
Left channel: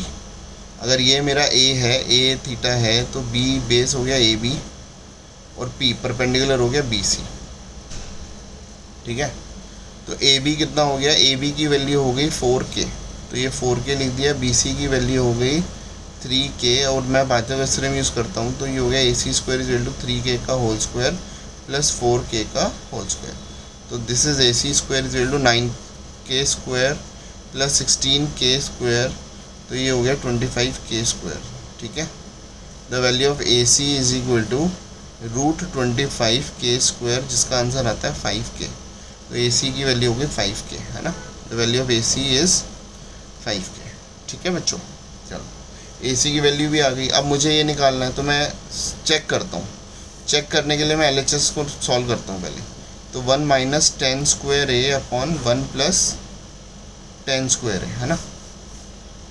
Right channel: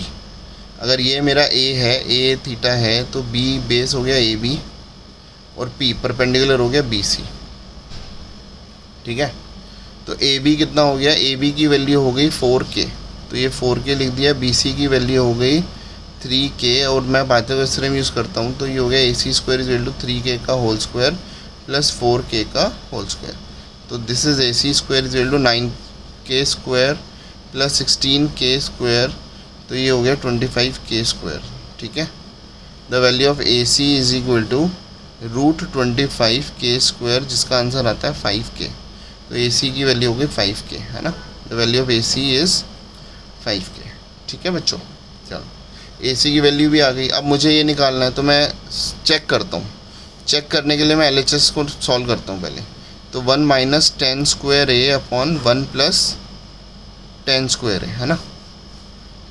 अगर ये मेरा A है, A थीटा है, तो B बेस हो गया AB और P परपेंडिकुलर हो गया BC, ठीक है। तो AB कितना हो गया, AB की वैल्यू हो गई 4K, तो ये 4K लिख दिया, BC की वैल्यू हो गई 3K, और मैं पाइथागोरस यूज़ करता हूँ, तो ये हो गया AC square is equal to 3K का होल स्क्वायर प्लस 4K का होल स्क्वायर। तो this is AC square is equal to 9K square plus 16K square, तो ये हो गया 25K स्क्वायर, ठीक है। The value of AC is equal to √25K square, जिसका आंसर आता है 5K। तो AC की वैल्यू होगी 5K, है ना, the value of AC is 5K, ठीक है बच्चों। चलो AC की वैल्यू भी आ गई, अब मुझे ये निकालना है, तो मैं चेक करता हूँ। चेक करने के लिए मैं LHS को सॉल्व करता हूँ पहले। तो 1 minus 10 square A upon 1 plus 10 square ए, है ना।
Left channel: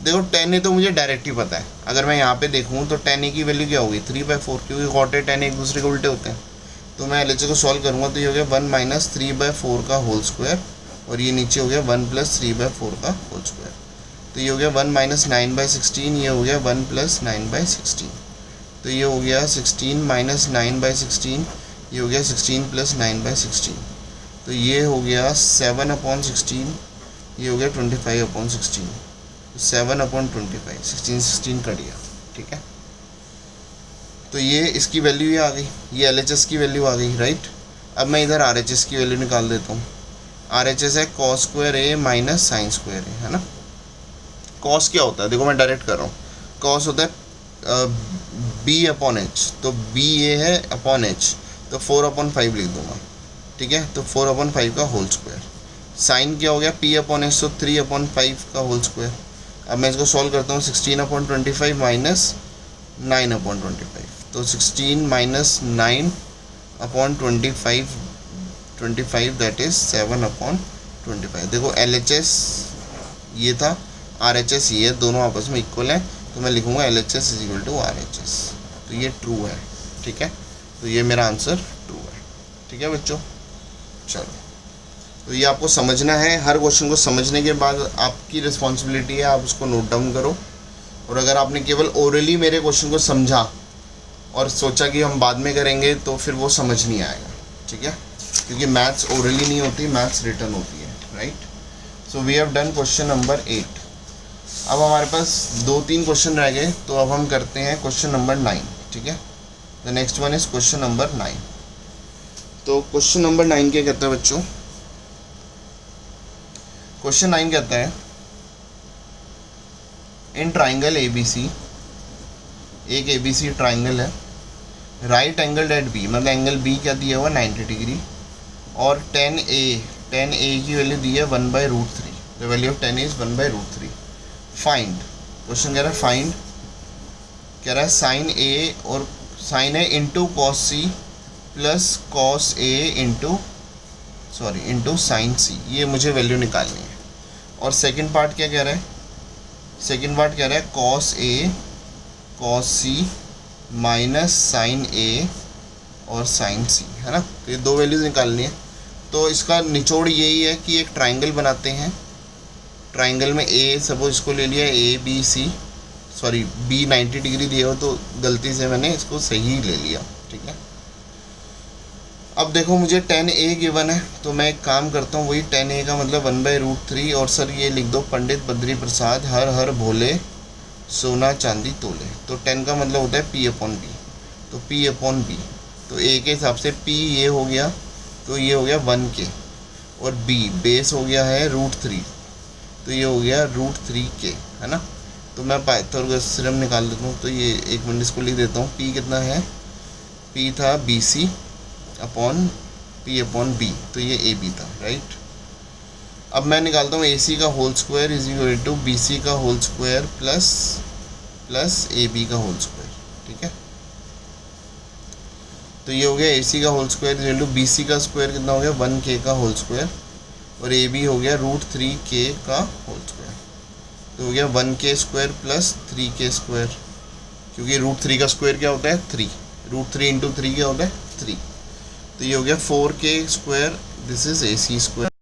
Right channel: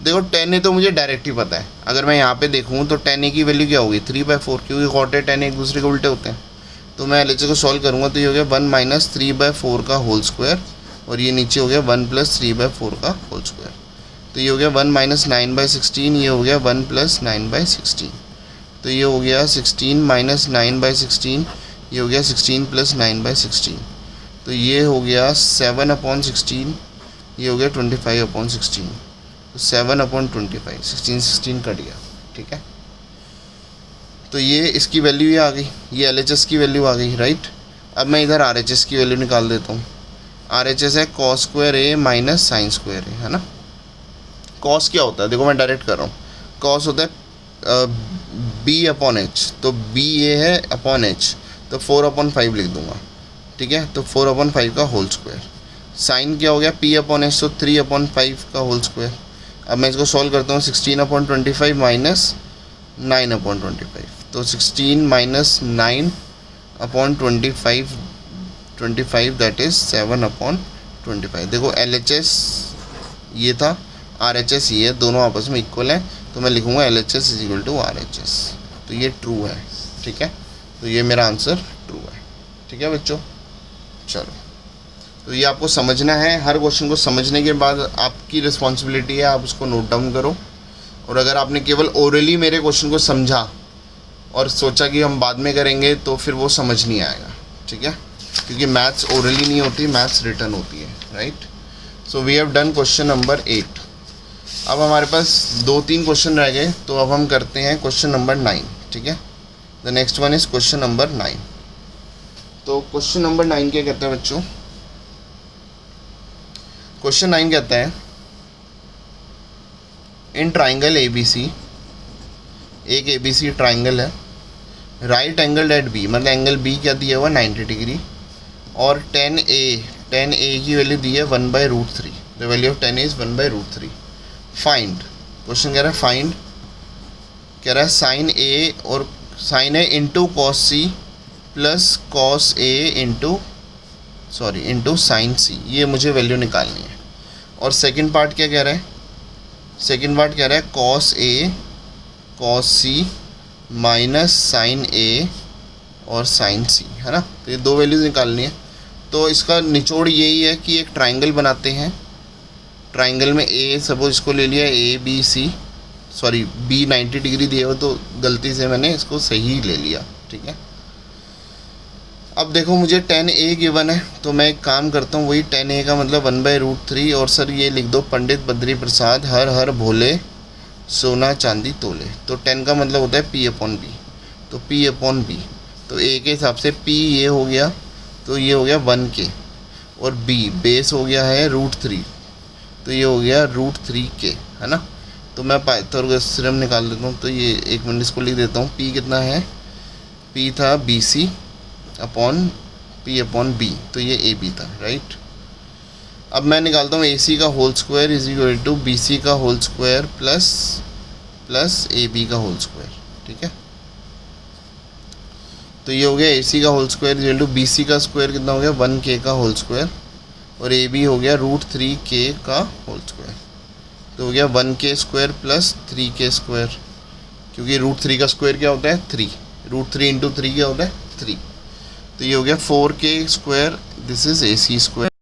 देखो 10 ए तो मुझे डायरेक्ट ही पता है, अगर मैं यहाँ पे देखूँ तो 10 ए की वैल्यू क्या होगी 3/4, क्योंकि कॉट ए 10 एक दूसरे के उल्टे होते हैं। तो मैं LHS को सॉल्व करूँगा, तो ये हो गया 1 माइनस 3/4 का होल स्क्वायर, और ये नीचे हो गया 1 प्लस 3/4 का होल स्क्वायर। तो ये हो गया 1 माइनस 9/16, ये हो गया 1 प्लस 9/16, तो ये हो गया 16 माइनस 9/16, ये हो गया 16 प्लस 9/16, तो ये हो गया 7/16, ये हो गया 25/16, 7/25, 16 कट गया, ठीक है। तो ये इसकी वैल्यू ही आ गई, ये LHS की वैल्यू आ गई, राइट। अब मैं इधर RHS की वैल्यू निकाल देता हूँ। RHS है cos square A minus sine square ए, है ना। कॉस क्या होता है, देखो मैं डायरेक्ट कर रहा हूँ, कॉस होता है B/H, तो B ये है अपॉन H, तो 4/5 लिख दूंगा, ठीक है। तो 4/5 का होल स्क्वायर। साइन क्या हो गया P/H, तो 3/5 का होल स्क्वायर। अब मैं इसको सॉल्व करता हूँ, 16/25 माइनस 9/25, तो 16 माइनस 9/25 दैट इज़ 7/25। देखो LHS ये था, RHS ये है, दोनों आपस में इक्वल हैं, तो मैं लिखूँगा LHS is equal to RHS, तो ये ट्रू है, ठीक है। तो ये मेरा आंसर ट्रू है, ठीक है बच्चों। चलो, तो ये आपको समझना है, हर क्वेश्चन को समझने के बाद आपकी रिस्पॉन्सिबिलिटी है, आप उसको नोट डाउन करो। और अगर आपने केवल ओरली मेरे क्वेश्चन को समझा और सोचा कि हम बाद में करेंगे, तो फिर वो समझ नहीं आएगा, ठीक है, क्योंकि मैथ्स ओरली नहीं होती, मैथ्स रिटन होती है, right. So we have done question number 8। अब हमारे पास 2-3 क्वेश्चन रह गए, तो अब हम करते हैं क्वेश्चन नंबर 9, ठीक है। The next one is question number 9। तो क्वेश्चन नंबर 9 क्या कहता है बच्चों, क्वेश्चन 9 कहता है इन ट्राइंगल ABC एक ABC ट्राइंगल है, राइट एंगल एट बी, मतलब एंगल बी क्या दिया हुआ 90 डिग्री, और 10A की वैल्यू दी है 1/√3, the value of 10A is 1/√3। Find, question कह रहा है फाइंड, कह रहा है साइन ए, और sine A into cos C plus cos A into sine C, ये मुझे वैल्यू निकालनी है। और सेकंड पार्ट क्या कह रहा है, सेकंड पार्ट कह रहा है cos A cos C minus sign A और साइन सी, है ना। तो ये दो वैल्यूज़ निकालनी है। तो इसका निचोड़ यही है कि एक ट्राइंगल बनाते हैं, ट्राइंगल में ए सपोज इसको ले लिया ABC, सॉरी B 90 डिग्री दिया हो तो गलती से मैंने इसको सही ले लिया, ठीक है। अब देखो मुझे 10A गिवन है, तो मैं एक काम करता हूँ, वही 10A का मतलब 1/√3, और सर ये लिख दो पंडित बद्री प्रसाद हर हर भोले सोना चांदी तोले। तो 10 का मतलब होता है P/B, तो P/B, तो A के हिसाब से P ये हो गया, तो ये हो गया 1K, और B बेस हो गया है √3, तो ये हो गया √3K, है ना। तो मैं पाइथागोरस थ्योरम निकाल देता हूँ, तो ये एक मिनट इसको लिख देता हूँ। P कितना है, P था BC अपॉन P/B, तो ये AB था, राइट। अब मैं निकालता हूँ AC का whole square is equal to BC का होल स्क्वायर प्लस AB का होल स्क्वायर, ठीक है। तो ये हो गया AC का whole square is equal to BC का स्क्वायर कितना हो गया 1K का होल स्क्वायर, और AB हो गया √3K का होल स्क्वायर, तो हो गया 1K square plus 3K square, क्योंकि √3 का स्क्वायर क्या होता है 3, √3 × 3 क्या होता है 3, तो ये हो गया 4K square, this is AC square.